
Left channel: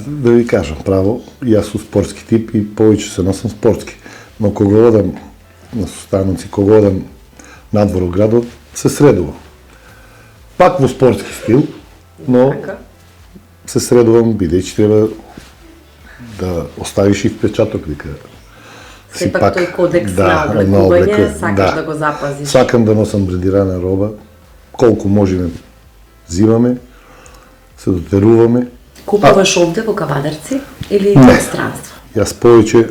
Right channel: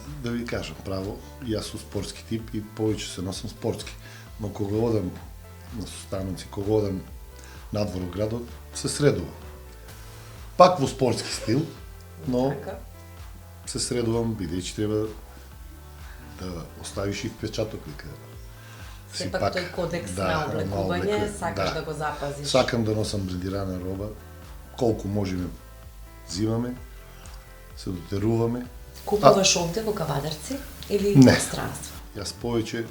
Да ви кажам право, јас сум спортски тип и повеќе се носам спортски. Но кога одам на состаноци, кога одам надвор од градот, се средувам. Пак во спортски стил, но се средувам бидејќи треба да оставиш и впечаток дека Сепак тој кодекс на облекување сакаш да го запазиш. Сакам да носам брендирана роба, колку можеме зимаме, се дотеруваме. Купуваш овде во Кавадарци или во странство? Јас повеќе,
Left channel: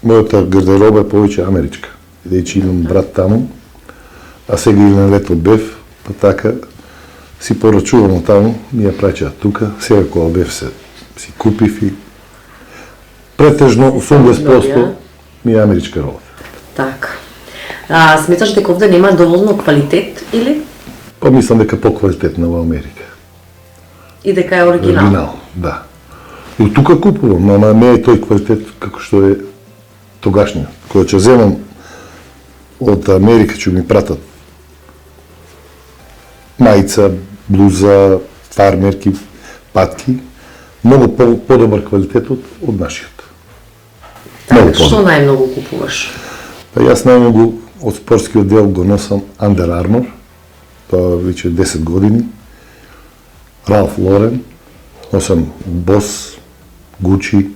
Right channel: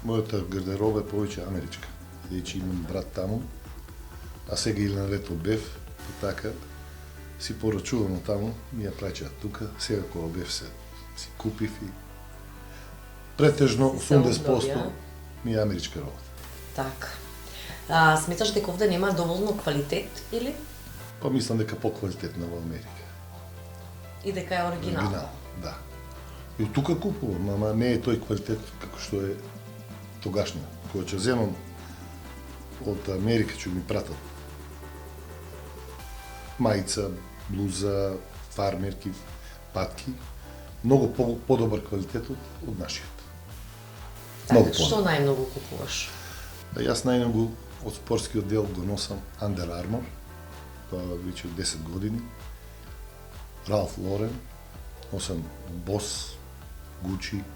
мојата гардероба е повеќе америчка, бидејќи имам брат таму, а сега и на лето бев, па така си порачувам таму, ми ја праќаат тука, сега кога бев си купив и претежно 80% ми е америчка роба. Така. Сметаш дека овде нема доволно квалитет или? Па мислам дека поквалитетна во Америка. И дека е оригинал? Оригинал, да. И од тука купувам, ама не е тој квалитет како што е тогашниот. Кога ќе земам од Америка, ќе ми пратат мајца, блуза, фармерки, патки, многу подобар квалитет од нашиот. Така, што најмногу купуваш? Па јас најмногу од спортскиот дел го носам Under Armour, тоа веќе 10 години, Ralph Lauren, носам Boss, Gucci.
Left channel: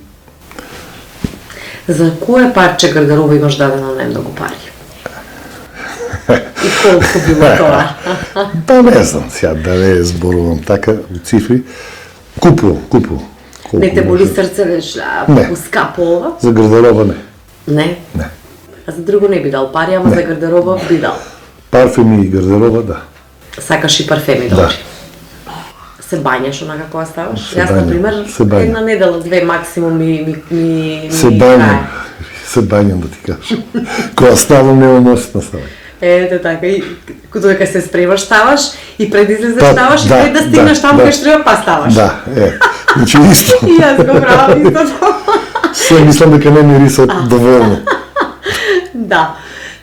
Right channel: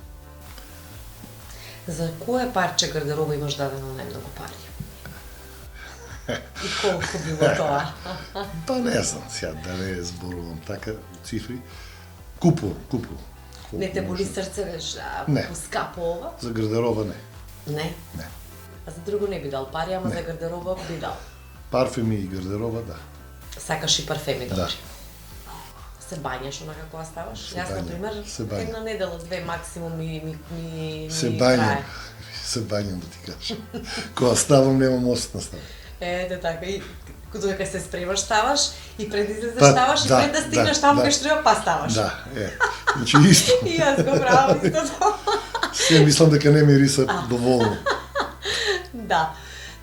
За кое парче гардероба имаш дадено најмногу пари? И колку било тоа? Па не знам, сега да не зборувам така во цифри. Купувам. Не те боли срце, веш, колку скапо ова? За гардероба не. Не? Не. А за друго не би дал пари, ама за гардероба би дал. Парфеми и гардероба, да. Сакаш и парфеми, Да. добри. Се бањаш онака кога ставаш? Се Јас, бањам, например, се бањам. една недела, две максимум ми Се бањам. Се бањам да ти кажам. Кога ставам, нема носит на ставање. Ете така, и додека се спремаш ставаш и пред излезеш Па, ставаш и да, пред да стигнеш таму да. кај што треба па ставаш. Да, значи исто. И јас го правам истото. Се мислам дека не мириса доволно. Да,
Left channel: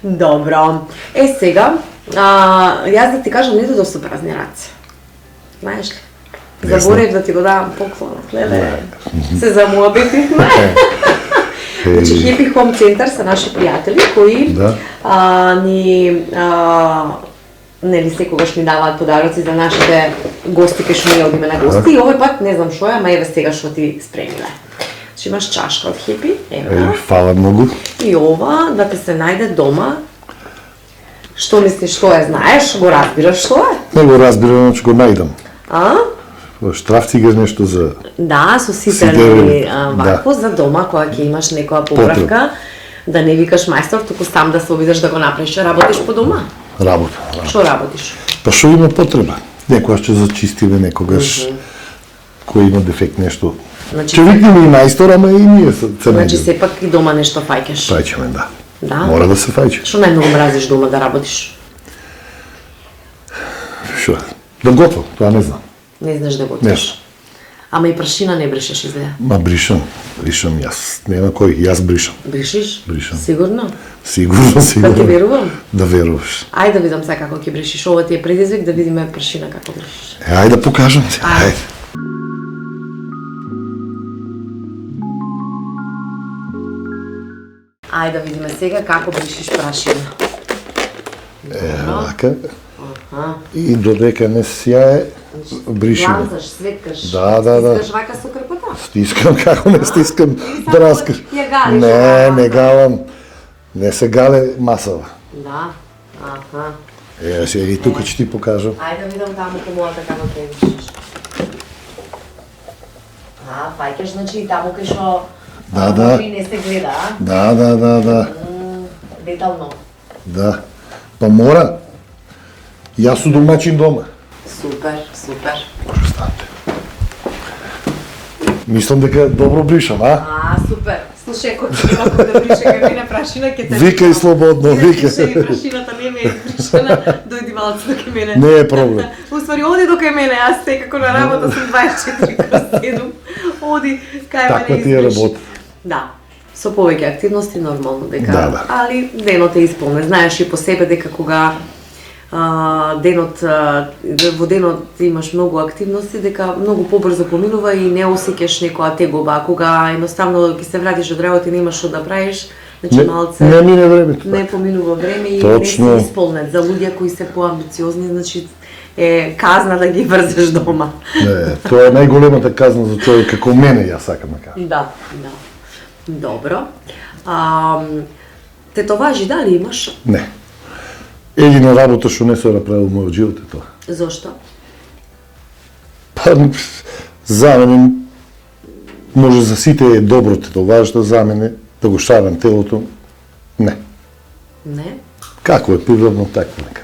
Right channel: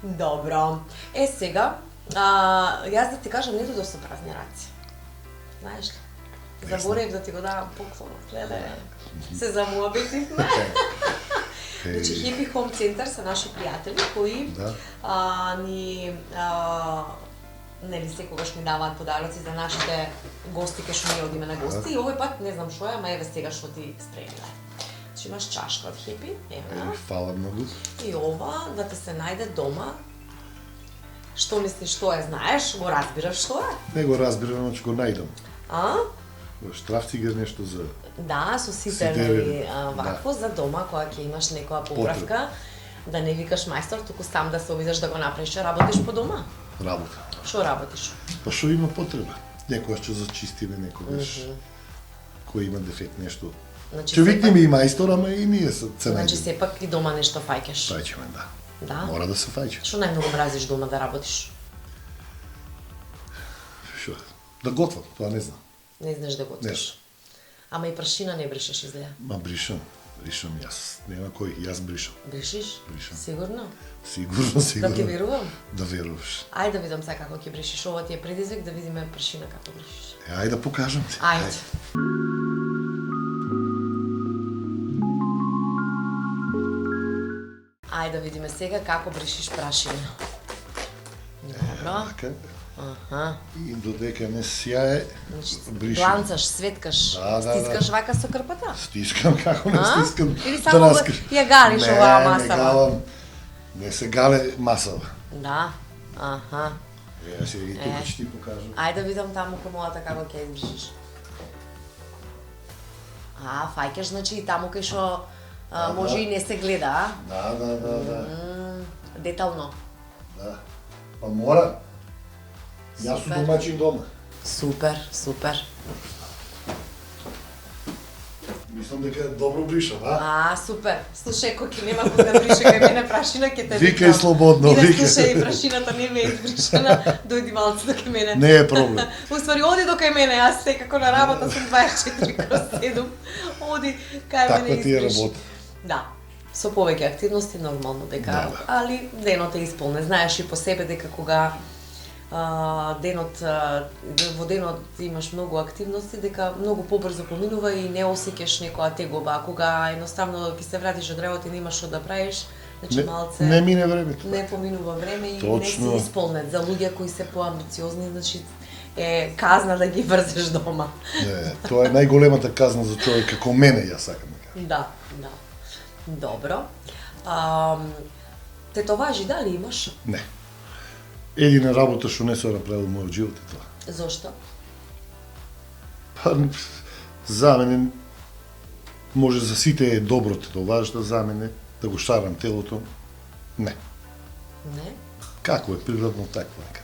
добро. Сега, јас да ти кажам, не додов со празни раце. Знаеш ли? Не Заборев да ти го давам поклонот, леле. Се замуабетивме. Значи, Happy Home Center са наши пријатели кои нели секогаш ни даваат подароци за нашите гости кај што ние одиме на гости и овој пат не знам што е, ама еве сега што ти спремиле. Значи имаш чашка од Happy, еве. Фала многу. И ова да те се најде дома. Што мислиш, што е, знаеш, го разбираш што е? Не го разбирам, значи го најдам. А? Штрафцигер нешто за... Да, со ситерни вакво за дома, кога ќе имаш некоја поправка, да не викаш мајстор, туку сам да се обидеш да го направиш. Работиш по дома? Работа. Што работиш? Па што има потреба? Некогаш ќе зачистиме, некогаш кој има дефект нешто. Значи, Ќе викнеме и мајстор, ама и ние се Значи сепак и дома нешто фаќаш. Фаќаме, да. Да? Мора да се фаќа. Што најмногу мразиш дома да работиш? Што? Да готвам, тоа не знам. Не знаеш да готвиш. Ама и прашина не брешеш изгледа. Ма бришам јас. Нема кој, јас бришам. Бришиш? Бришам. Сигурно? Сигурно. Да ти верувам? Да веруваш. Ајде да видам сега како ќе брешиш. Ова ти е предизвик да видиме прашина како брешиш. Ајде да покажам ти. Ајде. Ајде да видиме сега како брешиш прашина. Така. Аха. и додека не сјае, бриши го. Гланцаш, светкаш. Да. Стискаш вака со крпата? Стискам, како не стискам Или да само раскаш. ја галиш Не, оваа не маса? галам. Не се гале масава. Да. Аха. Сега и тука ќе ти покажам. Ајде да видам таму по мојата како ќе вишиш. Фаќаш, значи и таму кај што Да. може и не се гледа, а? Да. Детално. Да. Па мора. Јас сум домаќин дома. Супер. Може станете. Мислам дека добро бришам, а? Супер. Слушај, кој ќе има да брише кај мене прашина, ќе те Викај слободно, викај. Слушај, прашината не ме е бришена, дојди малце до кај мене. Не е проблем. Уствари, оди до кај мене, јас секако на работа сум 24/7. Оди кај мене Таква ти е избриши. работа. Да. Со повеќе активности нормално дека, Да. али денот е исполнет. Знаеш и по себе дека кога во денот имаш многу активности, дека многу побрзо поминува и не осеќаш некоја тегоба, а кога едноставно ќе се вратиш од работа и немаш што да правиш, значи малце Не мине времето. не поминува време и Точно. не се исполнет. За луѓе кои се поамбициозни, значи е казна да ги врзеш дома. Не, тоа е најголемата казна за човек како мене, јас сакам да кажам. Да. Добро. Тетоважи дали имаш? Не. Едина работа што не се направил во мојот живот е тоа. Зошто? Па, за мене, може за сите е добро тетоважда, за мене, да го шарам телото, не. Не? Како е природно, така нека.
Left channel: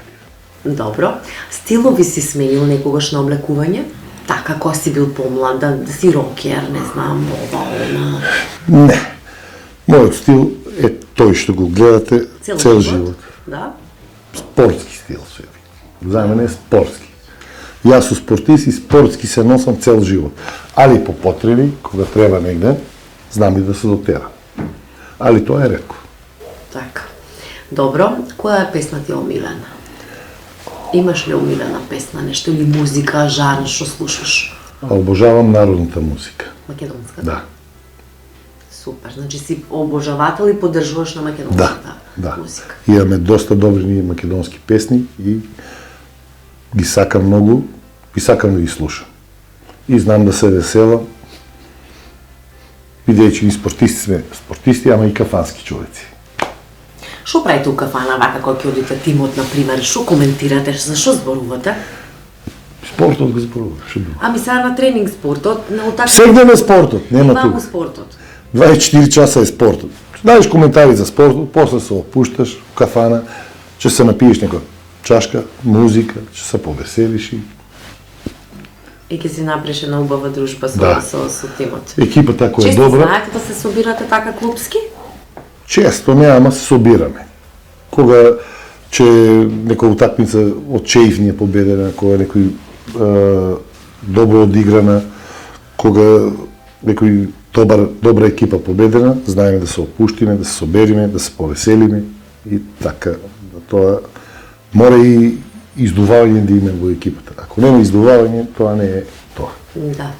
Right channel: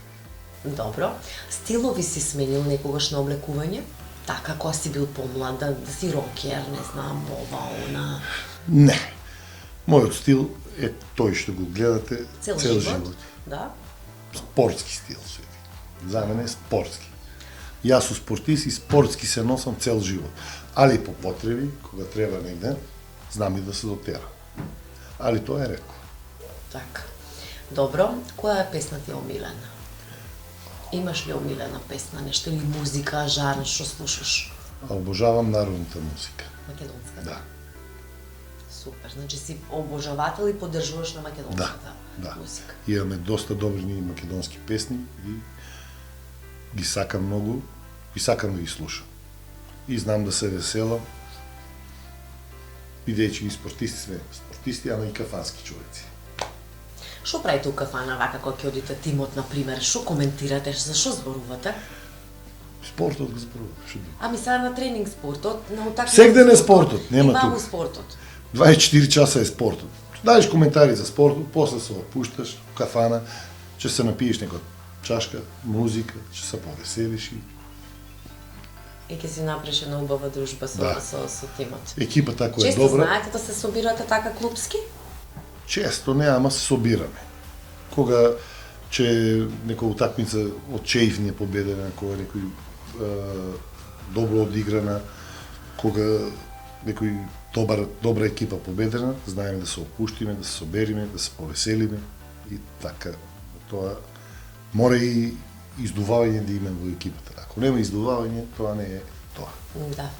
Добро. Стилови си сменил некогаш на облекување? Така, кога си бил помлад, да си рокер, не знам, ова, она. Не. Мојот стил е тој што го гледате цел живот. Да? Спортски стил се ви. За мене е спортски. Јас сум спортист и спортски се носам цел живот. Али по потреби, кога треба негде, знам и да се дотерам. Али тоа е ретко. Така. Добро. Која е песна ти омилена? Имаш ли омилена песна, нешто или музика, жанр што слушаш? Обожавам народната музика. Македонска? Да. Супер. Значи си обожавател и поддржуваш на македонската Да. музика. Имаме доста добри ние македонски песни и ги сакам многу и сакам да ги слушам. И знам да се веселам, бидејќи и спортисти сме спортисти, ама и кафански човеци. Што правите у кафана вака кога ќе одите тимот, на пример? Што коментирате? За што зборувате? Спортот го зборувам, што друго. Ами сега на тренинг спортот, на утакмица. Сегде е спортот, нема Има тука. го спортот. 24 часа е спортот. Знаеш коментари за спортот, после се опушташ у кафана, ќе се напиеш некоја чашка, музика, ќе се повеселиш и И ќе си направиш една убава дружба Да. со тимот. екипата ако е Често добра, знаете да се собирате така клубски? често не, ама се собираме. Кога че некоја утакмица од Чеив ни е победена, кога некој добро одиграна, кога некој добра екипа победена, знаеме да се опуштиме, да се собериме, да се повеселиме и така. Тоа мора и издување да има во екипата. Ако нема издување, тоа не е тоа. Да.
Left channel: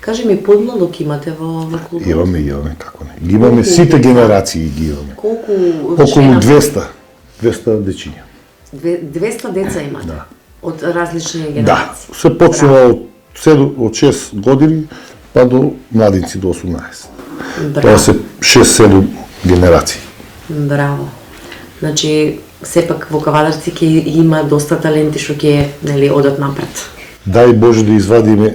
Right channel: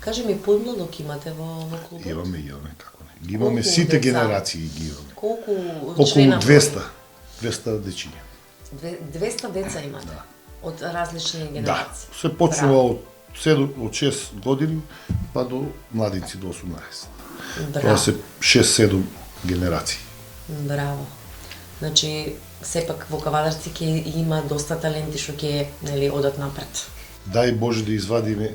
Кажи ми, подлалок имате во клубот? Имаме, како не. Ги имаме сите генерации ги имаме. Колку Околу члена? 200 дечиња. 200 деца имате? Да. Од различни Да, генерации? се почнува од 6 години па до младинци до 18. Тоа Браво. се 6-7 генерации. Браво. Значи, сепак во Кавадарци ќе има доста таленти што ќе, нели, одат напред. Дај Боже да извадиме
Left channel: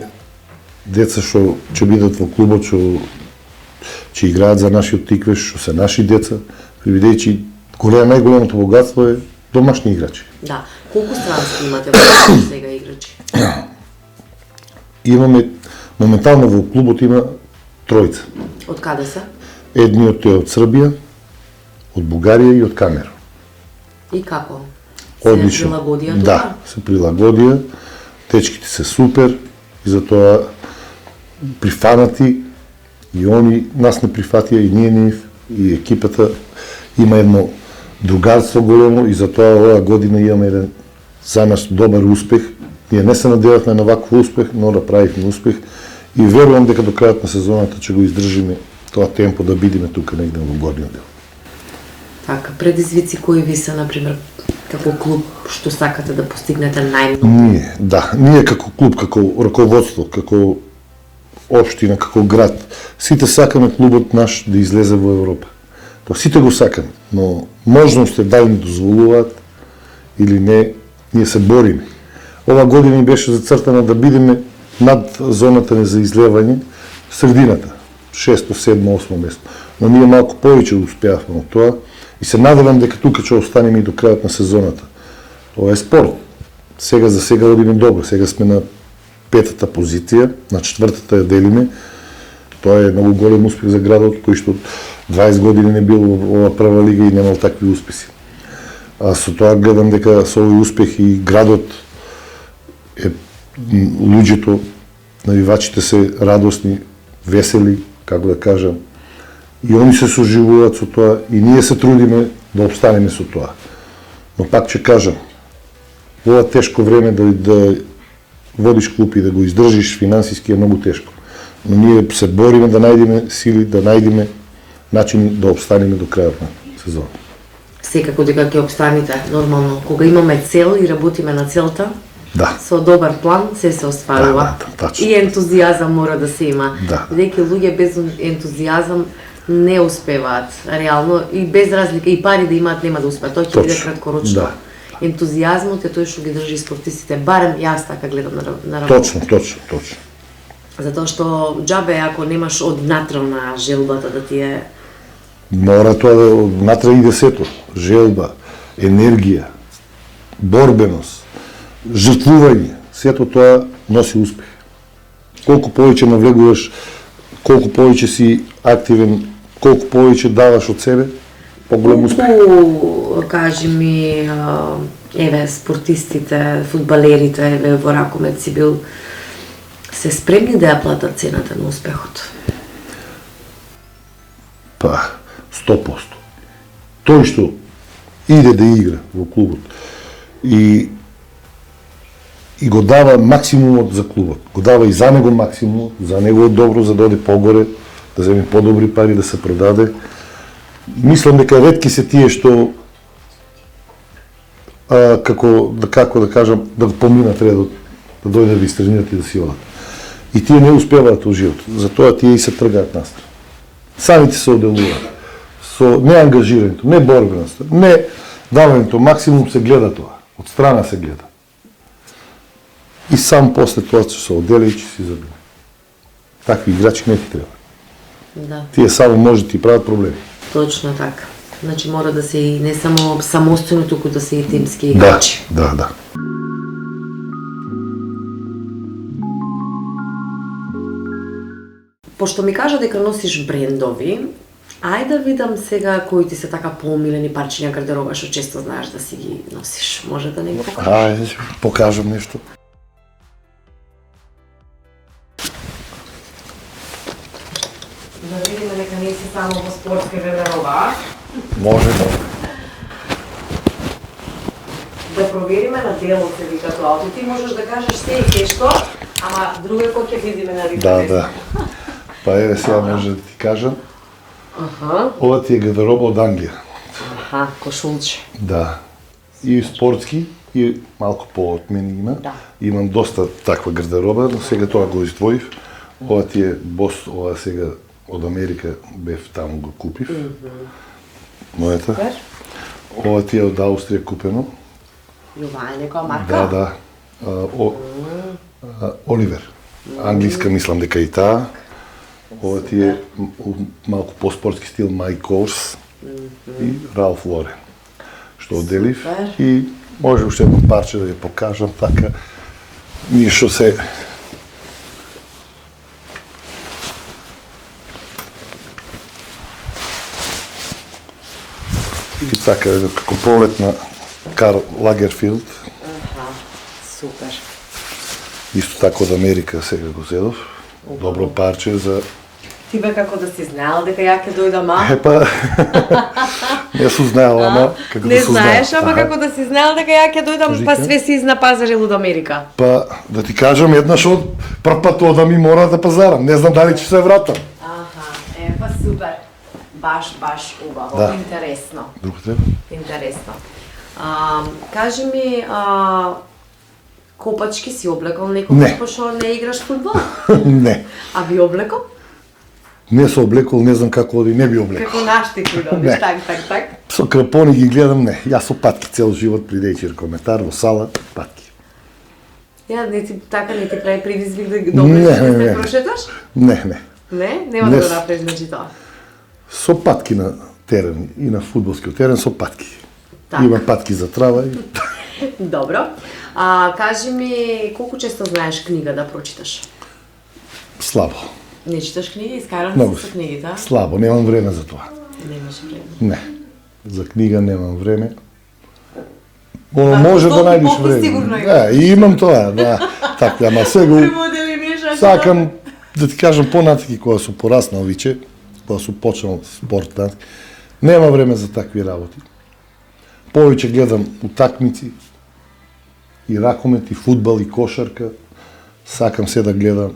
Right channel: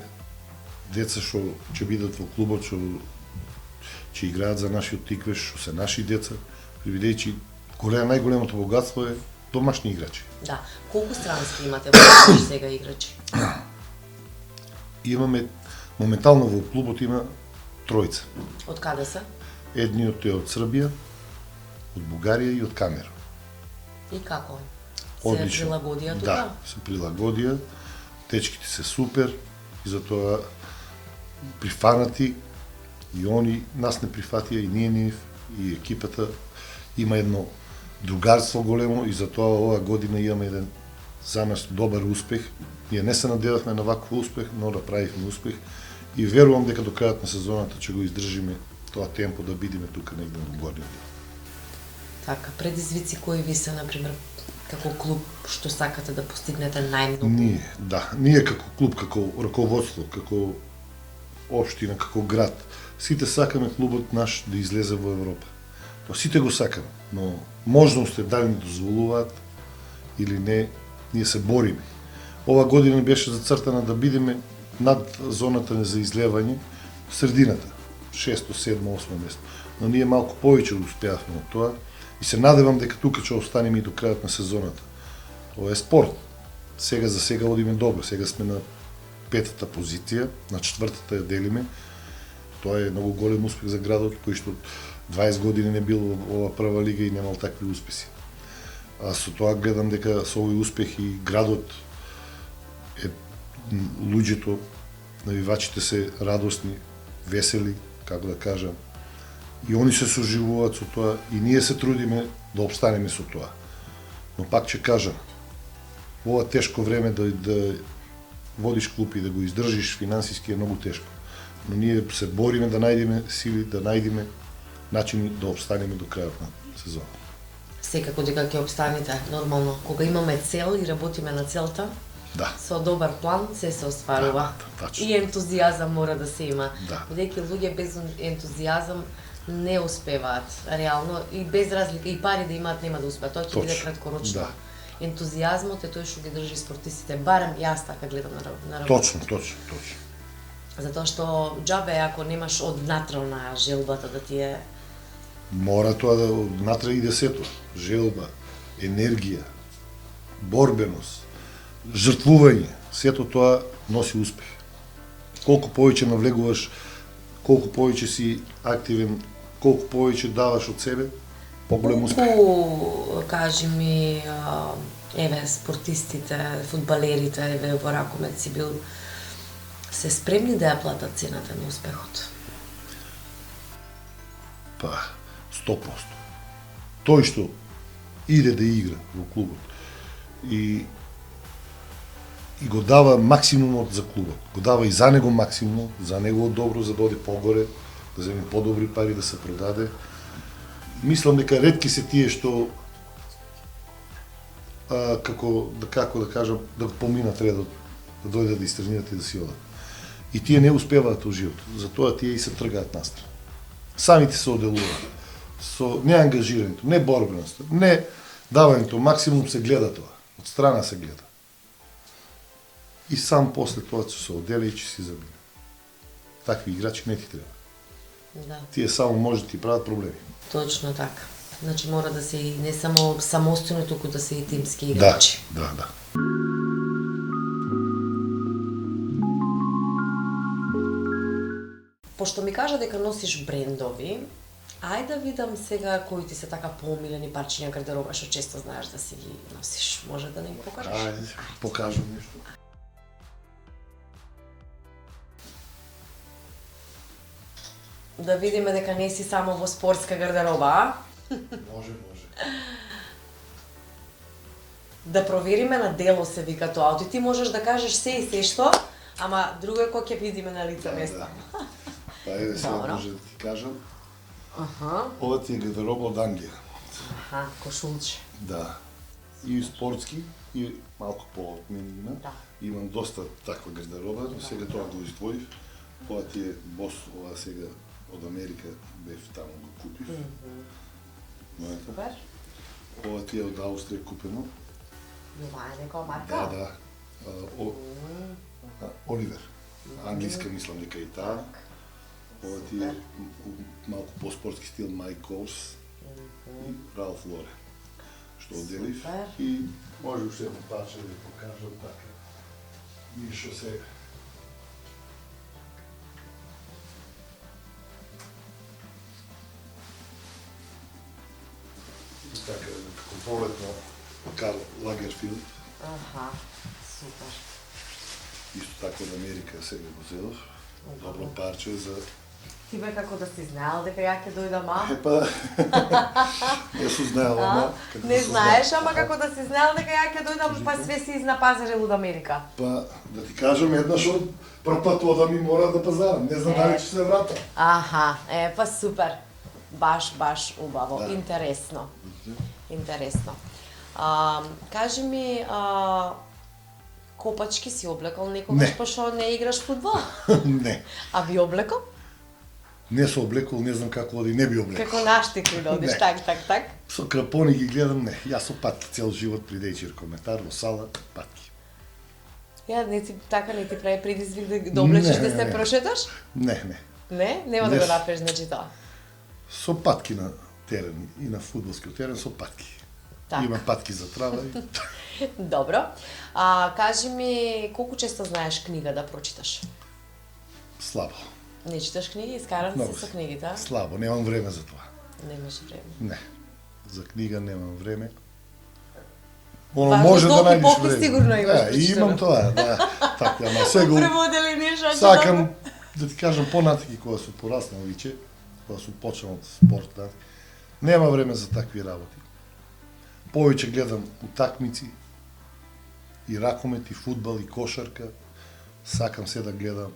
деца што ќе бидат во клубот, што ќе играат за нашиот тиквеш, што се наши деца, бидејќи најголемото богатство е домашни играчи. Да. Колку странски имате во сега играчи? Имаме моментално во клубот има тројца. Од каде се? Едниот е од Србија, од Бугарија и од Камерун. И како? Се Одлично. прилагодија тука? Да, се прилагодија. Течките се супер и затоа прифанати и они нас не прифатија и ние нив и екипата има едно другарство големо и затоа оваа година имаме еден за нас добар успех. Ние не се надевавме на ваков успех, но да правихме успех и верувам дека до крајот на сезоната ќе го издржиме тоа темпо да бидеме тука негде во горниот дел. Така, предизвици кои ви се, например, како клуб што сакате да постигнете најмногу? Ние како клуб, како раководство, како општина, како град, сите сакаме клубот наш да излезе во Европа. Тоа сите го сакаме, но можности дали ни дозволуваат или не, ние се бориме. Ова година ни беше зацртана да бидеме над зоната за излевање, средината, 6, 7, 8 место. Но ние малку повеќе успеавме од тоа и се надевам дека тука ќе останеме и до крајот на сезоната. Ова е спорт. Сега за сега одиме добро. Сега сме на 5-та позиција, на 4-та ја делиме. Тоа е многу голем успех за градот, кој што 20 години не бил во ова прва лига и немал такви успеси. А со тоа гледам дека со овој успех и градот е луѓето, навивачите се радосни, весели, како да кажам, и они се соживуваат со тоа и ние се трудиме да обстанеме со тоа. Но пак ќе кажам, во ова тешко време да водиш клуб и да го издржиш финансиски е многу тешко. Но ние се бориме да најдеме сили, да најдеме начини да обстанеме до крајот на сезон. Секако дека ќе обстанете, нормално. Кога имаме цел и работиме на целта, со добар план се остварува. Тачно. И ентузијазам мора да се има. Бидејќи луѓе без ентузијазам не успеваат реално и без разлика и пари да имаат нема да успеат. Тоа ќе биде краткорочно. Ентузијазмот е тој што ги држи спортистите, барем јас така гледам на работа. Точно. Затоа што џабе ако немаш однатрална желбата да ти е... Мора тоа да однатра иде сето. Желба, енергија, борбеност, жртвување, сето тоа носи успех. Колку повеќе навлегуваш, колку повеќе си активен, колку повеќе даваш од себе, поголем успех. Колку, кажи ми, еве, спортистите, фудбалерите, еве, во ракомет си бил, се спремни да ја платат цената на успехот? 100%. Тој што иде да игра во клубот и го дава максимумот за клубот, го дава и за него максимумот, за него е добро, за да оде погоре, да земе подобри пари, да се продаде. Мислам дека ретки се тие што како да кажам, да поминат редот, да дојдат да истренират и да си одат. И тие не успеваат во живот, затоа тие и се тргаат настрана. Самите се оделуваат. Со неангажирањето, не борбеноста, не давањето, максимум се гледа тоа, од страна се гледа. И сам после тоа ќе се одели и ќе си забива. Такви играчи не ти треба. Тие само може да ти прават проблеми. Точно така. Значи мора да се и не само самостојно, туку да се и тимски играчи. Да. Пошто ми кажа дека носиш брендови, ајде да видам сега кои ти се така поомилени парчиња гардероба што често знаеш да си ги носиш. Може да не го покажеш? Ајде, покажам нешто. Да видиме дека не си само во спортска гардероба. Може. Да провериме на дело се вика тоа. Ти можеш да кажеш се и ке што, ама друго кој ќе видиме на лице. Да. Па еве сега може да ти кажам. Ова ти е гардероба од Англија. Кошулче. Да. И спортски, и малку по-од мене има. Имам доста таква гардероба, но сега тоа го издвоив. Ова ти е бос, ова сега од Америка бев таму го купив. Мојата. Ова ти е од Аустрија купено. Јова е некоја марка? Да. Оливер. Англиска мислам дека и таа. Ова ти е малку по-спортски стил Mike Kors и Ralph Lauren. Што оделив и може уште едно парче да ја покажам така. Ние што се и така како пролет на Карл Лагерфилд. Супер. Исто така од Америка сега го зедов. Добро парче за... Ти бе како да си знаел дека ја ќе дојдам, не сум знаел, ама како не да сум знаел. знаеш, ама како да си знаел дека ја ќе дојдам, па све си изна пазарил од Америка. Па, да ти кажам, еднаш од прв пат одам и мора да пазарам. Не знам дали ќе се вратам. Па супер. Баш убаво, интересно. Друг треба? Интересно. Кажи ми, копачки си облекол некогаш, Не. пошто не играш фудбал? Не. А би облекол? Не се облекол, не знам како оди, не би облекол. Како нашите кои добиш, Не. так. Со крапони ги гледам, не. Јас со патки цел живот при дејчи коментар во сала, патки. Ја не ти така не ти прави предизвик да ги облечеш да се прошеташ? Не. Не, нема Не да го с- направиш значи тоа. Со патки на терен и на фудбалскиот терен со патки. Така. Имам патки за трава и Добро. Кажи ми, колку често знаеш книга да прочиташ? слабо. Не читаш книги, искарам Многу се со книгите, а? слабо, немам време за тоа. Немаш време. Не. За книга немам време. Оно Па, може со да долги најдеш попис време. сигурно Да, и имам тоа, да. Така, ама сега Преводели нешто. сакам да ти кажам понатаки кога сум пораснал виче, кога сум почнал спорт, нема време за такви работи. Повеќе гледам утакмици, и ракомет, и фудбал, и кошарка. Сакам се да гледам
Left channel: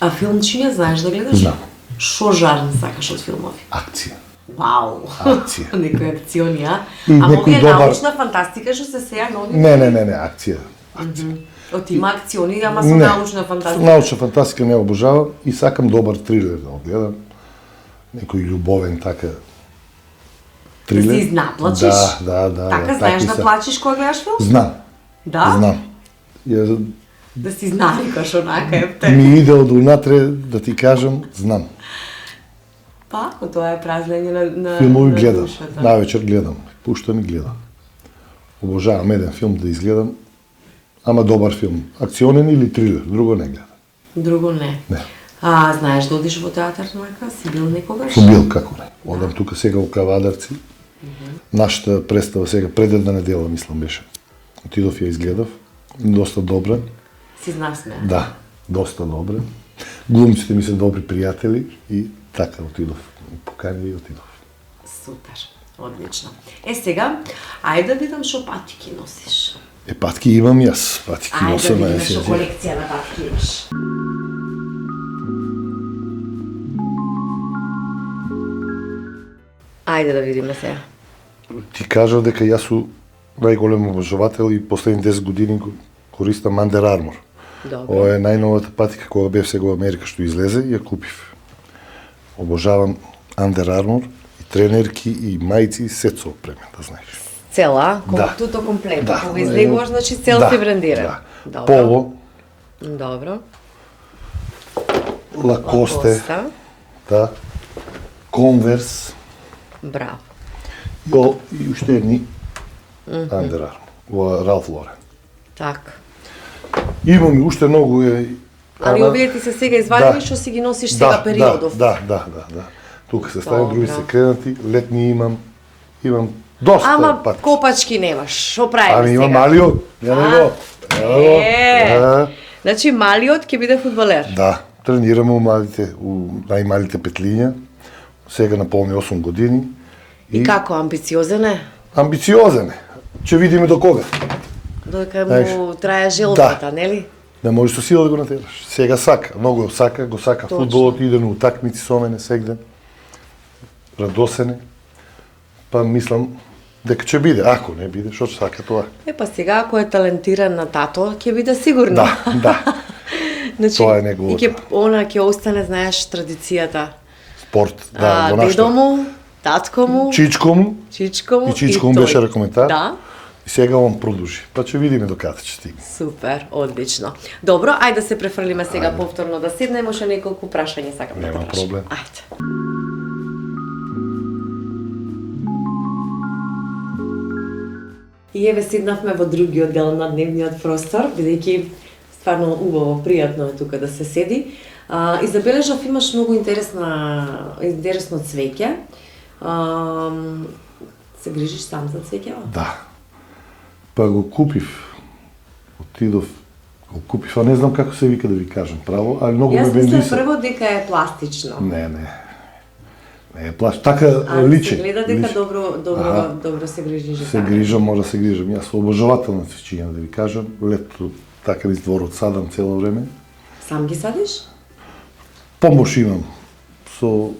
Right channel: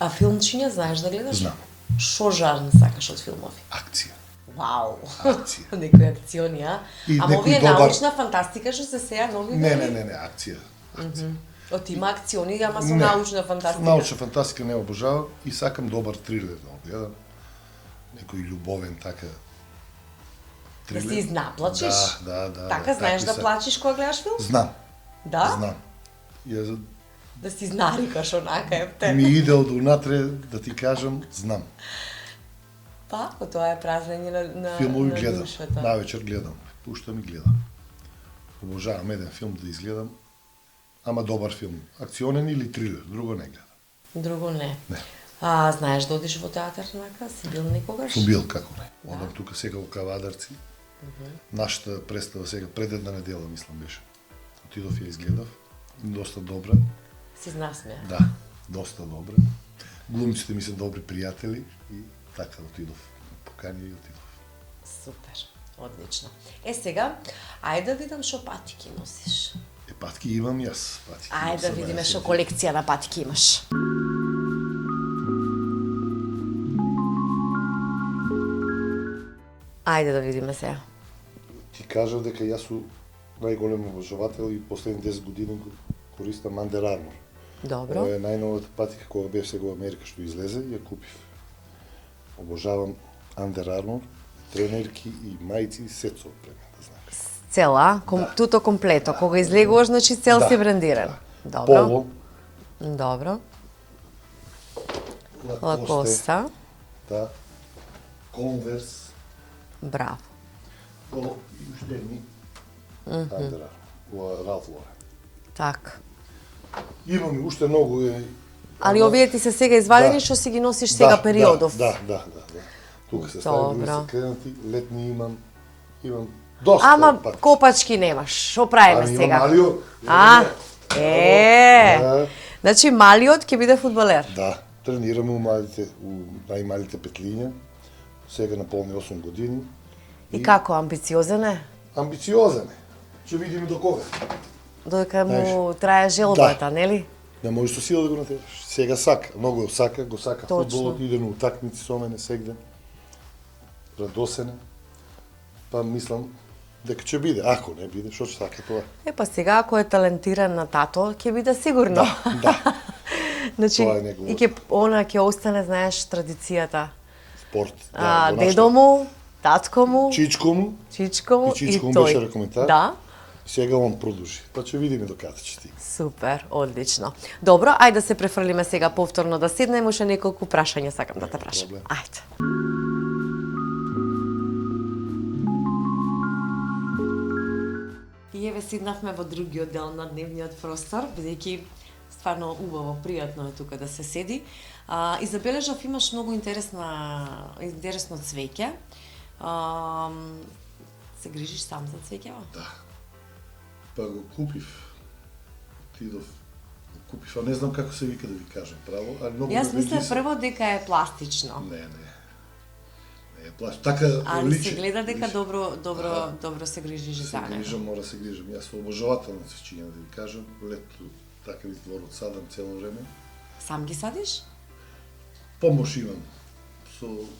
А филмчиња знаеш да гледаш? Знам. Шо жанр сакаш од филмови? акција. Вау! Акција. Некои акциони, а? И А некој овие добар- научна фантастика што се сеја нови? Не, акција. Од има акциони, ама со Не. научна фантастика. Научна фантастика не обожавам и сакам добар трилер да го гледам. Некој љубовен така Да трилер. се изнаплачиш? Да. Така знаеш такви да се. плачеш кога гледаш филм? Знам, Да? знам. Ја Да си навикаш онака, епте. ми иде од унатре да ти кажам, знам. Па, ако тоа е празлење на Филмови на гледам, душата. највечер гледам, пуштам и гледам. Обожавам еден филм да изгледам, ама добар филм, акционен или трилер, друго не гледам. Друго не. Не. Знаеш да одиш во театар онака? Си бил некогаш? Сум бил како не. Одам тука сега во Кавадарци. Нашата представа сега пред една недела, мислам беше. Отидов ја изгледав, доста добра. Си знаеш сме. Да, доста добра. Глумците ми се добри пријатели и така отидов. Покани и отидов. Супер. Одлично. Сега, ајде да видам шо патики носиш. Патки имам јас, патки Ајде да носам, видиме си шо ја колекција на патики имаш. Ајде да видиме сега. Ти кажав дека јас сум најголем обожавател и последни 10 години го користам Under Armour. Добро. Ова е најновата патика кога бев сега во Америка што излезе и ја купив. Обожавам Under Armour и тренерки и мајци и сет со опремен, да знаеш. Цела, Да. туто комплето. Да. Кога излегуваш, значи цел Да, си брендиран. да. Добро. Поло, Добро. Лакосте, Лакоста. да, Конверс, Браво. и уште едни Under Armour, во Ралф Лорен. Така. Имам и уште многу Али ама- овие ти се сега извадени Да. што си ги носиш сега периодов. Да. Тука се стави, други Добро. се кренати, летни имам доста Ама патки. копачки немаш. Што правиме Ами сега? има Малио, А, Да. Значи малиот ќе биде фудбалер. Да, тренираме у најмалите петлиња. Сега наполни 8 години. И како амбициозен е? Амбициозен е. Ќе видиме до кога. Додека му Знаеш, трае желбата, нели? Не можеш со сила да го натераш. Сега сака, многу го сака Точно. фудбалот, иде на утакмици со мене сегде. Радосен е. Па мислам дека ќе биде, ако не биде, што ќе сака тоа. Па сега ако е талентиран на тато, ќе биде сигурно. Да. Значи, Тоа е неговото. И ќе остане, знаеш, традицијата. Спорт, да, во Дедо нашата. му, татко му, Чичко му, чичко му и чичко му тој. беше рекоментар. Да. И сега он продолжи. Па ќе видиме до каде ќе стигне. Супер, одлично. Добро, ајде да се префрлиме сега повторно да седнеме, уште неколку прашања сакам да те Нема прашам. проблем. Ајде. И еве седнавме во другиот дел на дневниот простор, бидејќи стварно убаво, пријатно е тука да се седи. И забележав имаш многу интересно цвеќе. Се грижиш сам за цвеќева? Да. Па го купив. Отидов, го купив, а не знам како се вика да ви кажам право, али многу Јас ме мислам бендиса. прво дека е пластично. Не. Не е плаш. Така Али личи. се гледа дека личи. добро, добро се грижиш за Се таа. грижам, мора да се грижам. Јас сум обожавател на цвеќиња, да ви кажам. Лето така низ дворот садам цело време. Сам ги садиш? Помош имам со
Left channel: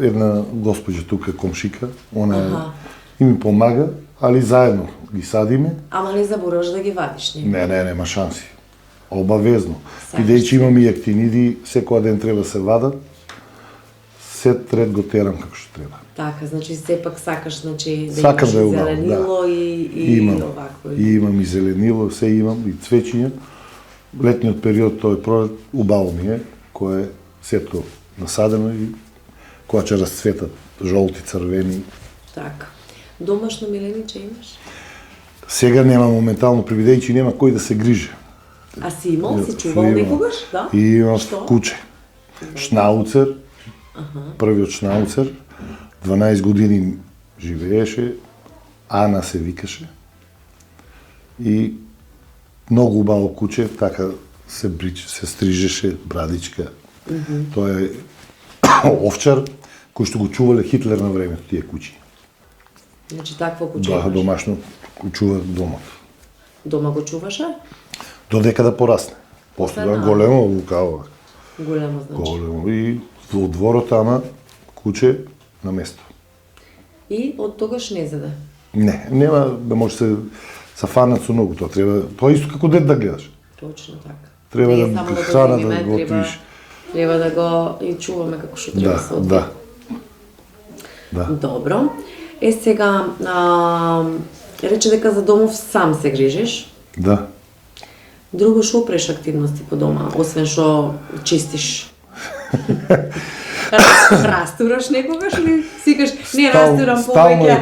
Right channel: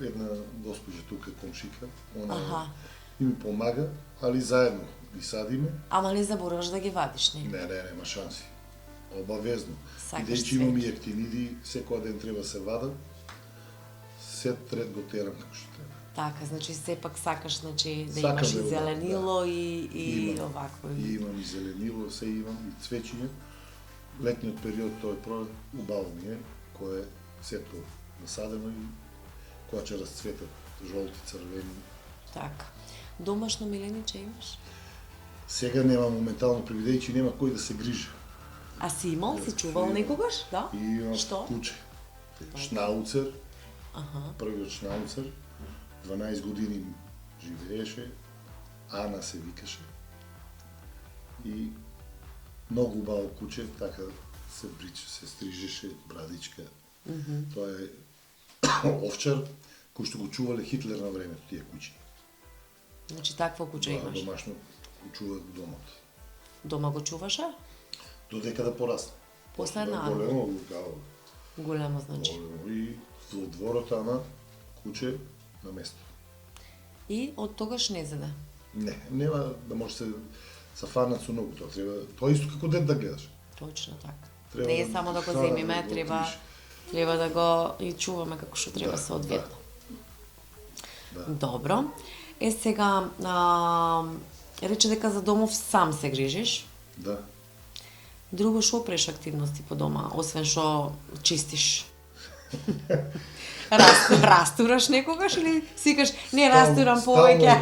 една госпоѓа тука, комшика. Она е и ми помага, али заедно ги садиме. Ама не забораваш да ги вадиш, не? Не, нема шанси. Обавезно. Сакаш Бидејќи имам и актиниди, секој ден треба да се вадат, сет ред го терам како што треба. Така, значи сепак сакаш да Сакам имаш да и е убаво, зеленило да. и Имам. овакво. И имам и зеленило, се имам, и цвеќиња. Летниот период, тој пролет, убаво ми е, кој е сетко насадено и која ќе расцветат жолти, црвени. Така. Домашно милениче имаш? Сега нема моментално, бидејќи нема кој да се грижи. А си имал, си Што чувал имам? некогаш, да? И имам Што? куче. Шнауцер, првиот шнауцер, 12 години живееше, Ана се викаше. И многу убаво куче, така се стрижеше, брадичка. Тоа е овчар кој што го чувале Хитлер на времето, тие кучи. Значи такво куче Да, имаш. домашно го чува домот. Дома го чуваше? Додека да порасне. После да Освен големо лукаво. Големо значи. Големо. И во дворот, ама куче на место. И од тогаш не заде. Не, нема да може се фанат со многу тоа. Тоа е исто како дет да гледаш. Точно така. Треба Не да само го храна земиме, да го треба- отиш. Треба да го и чуваме како што треба Да, се одвие. да. Да. Добро. Сега, рече дека за домов сам се грижиш. Да. Друго што опреш активности по дома, освен што чистиш? Растураш некогаш ли? Сикаш, не растурам повеќе.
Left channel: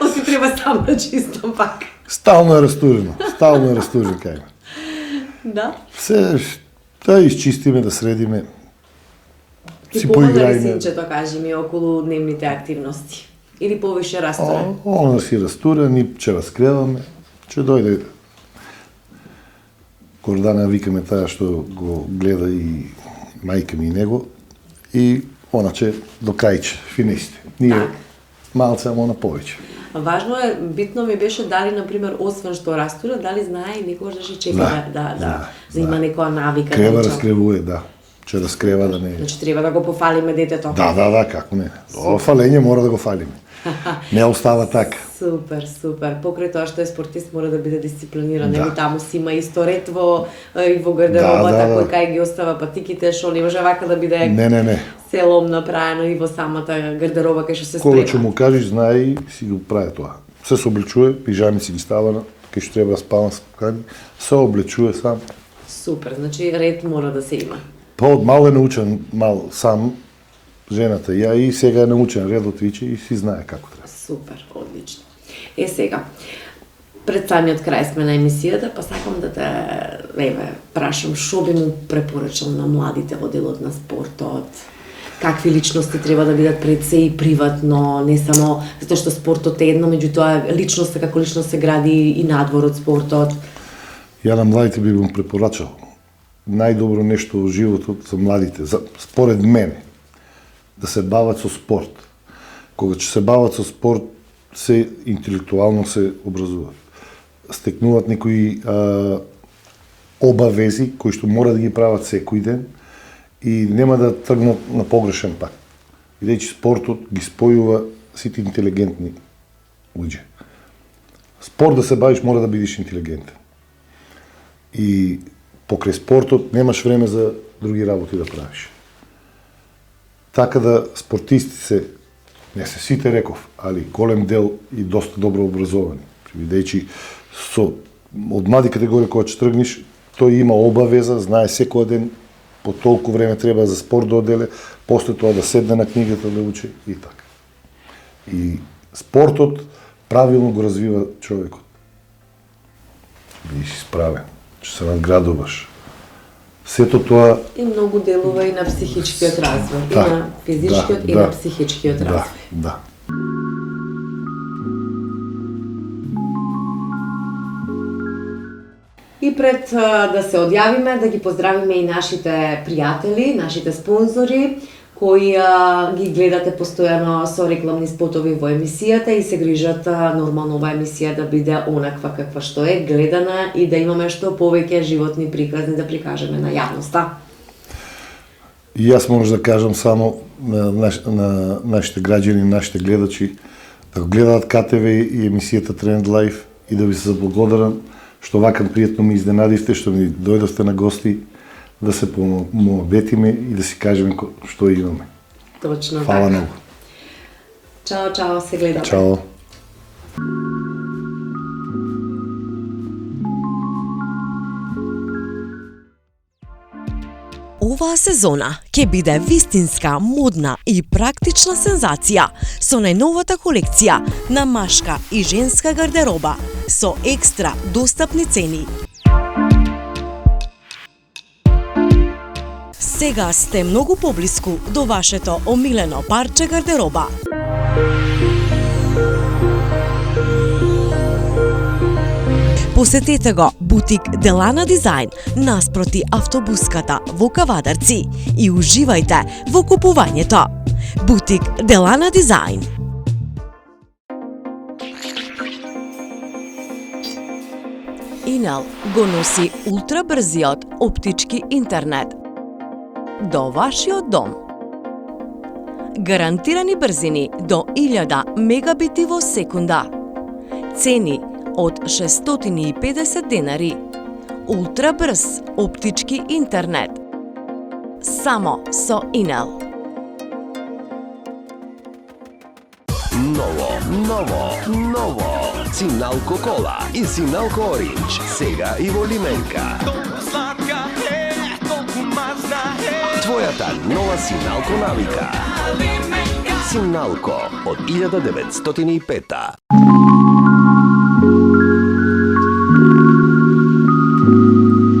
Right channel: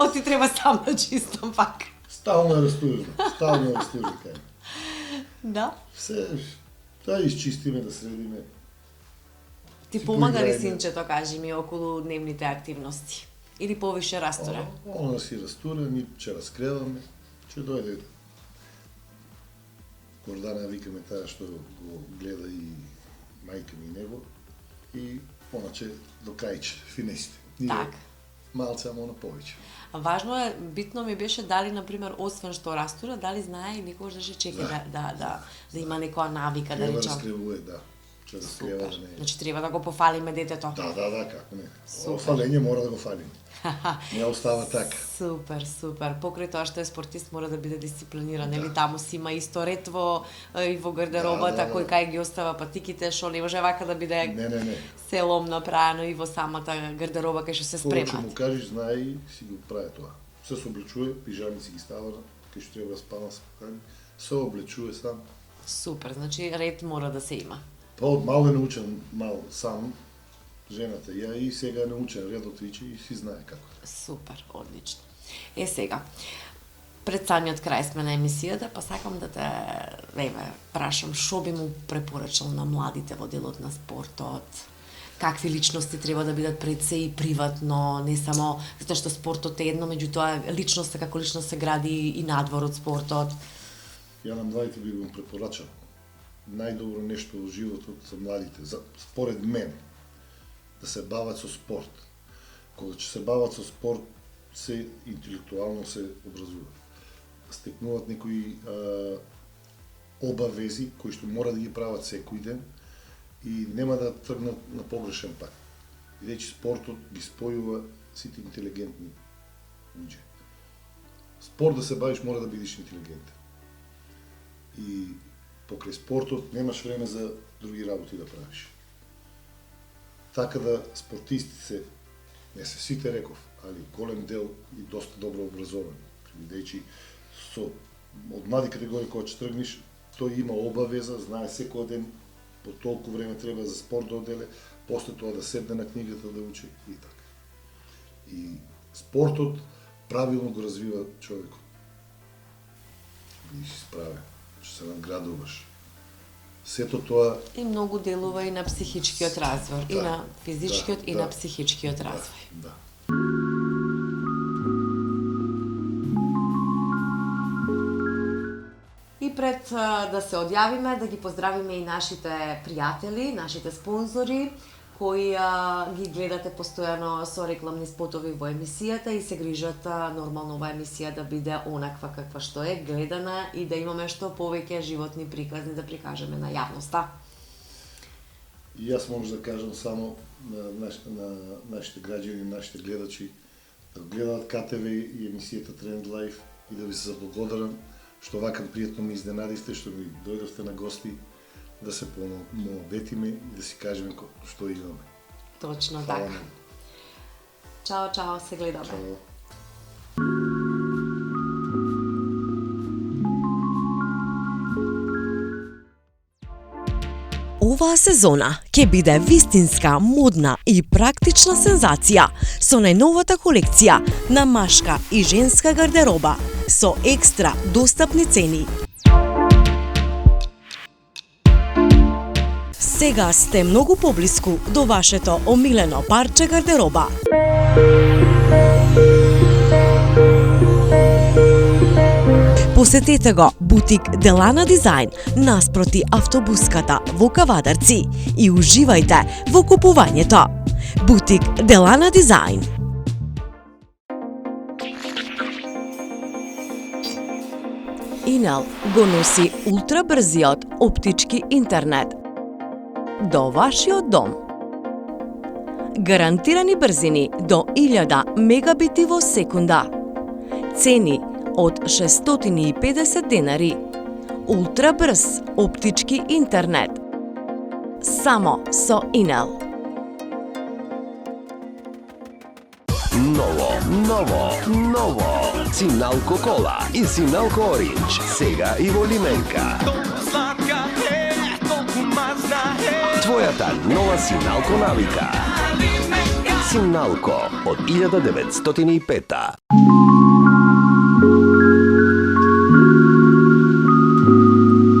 Оси треба сам да чистам пак. Стално е растурено. Стално е растурено кај ме. Да? Се да изчистиме, да средиме. Ти Си помага ли поиграјме. синчето, кажи ми, околу дневните активности? Или повише растура? Она си растура, ни ќе разкреваме, ќе дојде. Гордана викаме таа што го гледа и мајка ми и него, и она ќе до крајче, финисти. Ние Так. малце, ама она повеќе. Важно е, битно ми беше дали, например, освен што растура, дали знае и некогаш да се чепи, да има некоја навика. Крева речам. раскревува, да. Ќе раскрева да не... Значи треба да го пофалиме детето. Да, како не. Ова фалење мора да го фалиме. Не остава така. Супер, супер. Покрај тоа што е спортист мора да биде дисциплиниран. Да. Ево таму си има исто ред и во гардеробата, Да. кој кај ги остава патиките, што не може вака да биде Не. селом направено и во самата гардероба кај што се Кога ќе спрема. му кажеш, знае и си го прави тоа. Се се облечува, пижами си ги става, кај што треба да спава спокајно, се облечува сам. Супер, значи ред мора да се има. Па од мал е научен сам, жената ја, и сега е научен редот виче и си знае како треба. Супер, одлично. Сега, пред самиот крај сме на емисијата, па сакам да те прашам што би му препорачал на младите во делот на спортот? Какви личности треба да бидат пред се и приватно, не само затоа што спортот е едно, меѓутоа личноста како личност се гради и надвор од спортот. Ја на младите би му препорачал. Најдобро нешто во животот за младите, според мене, да се бават со спорт. Кога ќе се бават со спорт, се интелектуално се образуваат. Стекнуваат некои обавези кои што мора да ги прават секој ден и нема да тргнат на погрешен пат. Бидејќи спортот ги спојува сите интелигентни луѓе. Спорт да се бавиш мора да бидеш интелигентен. И покрај спортот немаш време за други работи да правиш. Така да спортисти се, не се сите реков, али голем дел и доста добро образовани. Бидејќи од млади категорија кога ќе тргнеш, тој има обавеза, знае секој ден по толку време треба за спорт да оделе, после тоа да седне на книгата да учи и така. И спортот правилно го развива човекот. Бидеш справен, ќе се надградуваш. Сето тоа И многу делува и на психичкиот развој, и Да, на физичкиот и на психичкиот развој. Да. И пред да се одјавиме, да ги поздравиме и нашите пријатели, нашите спонзори, кои ги гледате постојано со рекламни спотови во емисијата и се грижат нормално оваа емисија да биде онаква каква што е, гледана и да имаме што повеќе животни приказни да прикажеме на јавноста. И јас може да кажам само на нашите граѓани, нашите гледачи, да го гледаат КТВ и емисијата Тренд Лайф и да ви се заблагодарам што вака пријатно ми изненадивте, што ми дојдовте на гости, да се помоветиме и да си кажеме што имаме. Точно Фала многу. Чао, чао, се гледаме. Чао. Оваа сезона ќе биде вистинска, модна и практична сензација со најновата колекција на машка и женска гардероба со екстра достапни цени. Сега сте многу поблиску до вашето омилено парче гардероба. Посетете го бутик Делана Дизајн наспроти автобуската во Кавадарци и уживајте во купувањето. Бутик Делана Дизајн. Инел го носи ултрабрзиот оптички интернет до вашиот дом. Гарантирани брзини до 1000 мегабити во секунда. Цени од 650 денари. Ултрабрз оптички интернет. Само со Инел. Ново. Синалко кола и Синалко оринч. Сега и во лименка. Твојата нова Синалко навика. Синалко од 1905.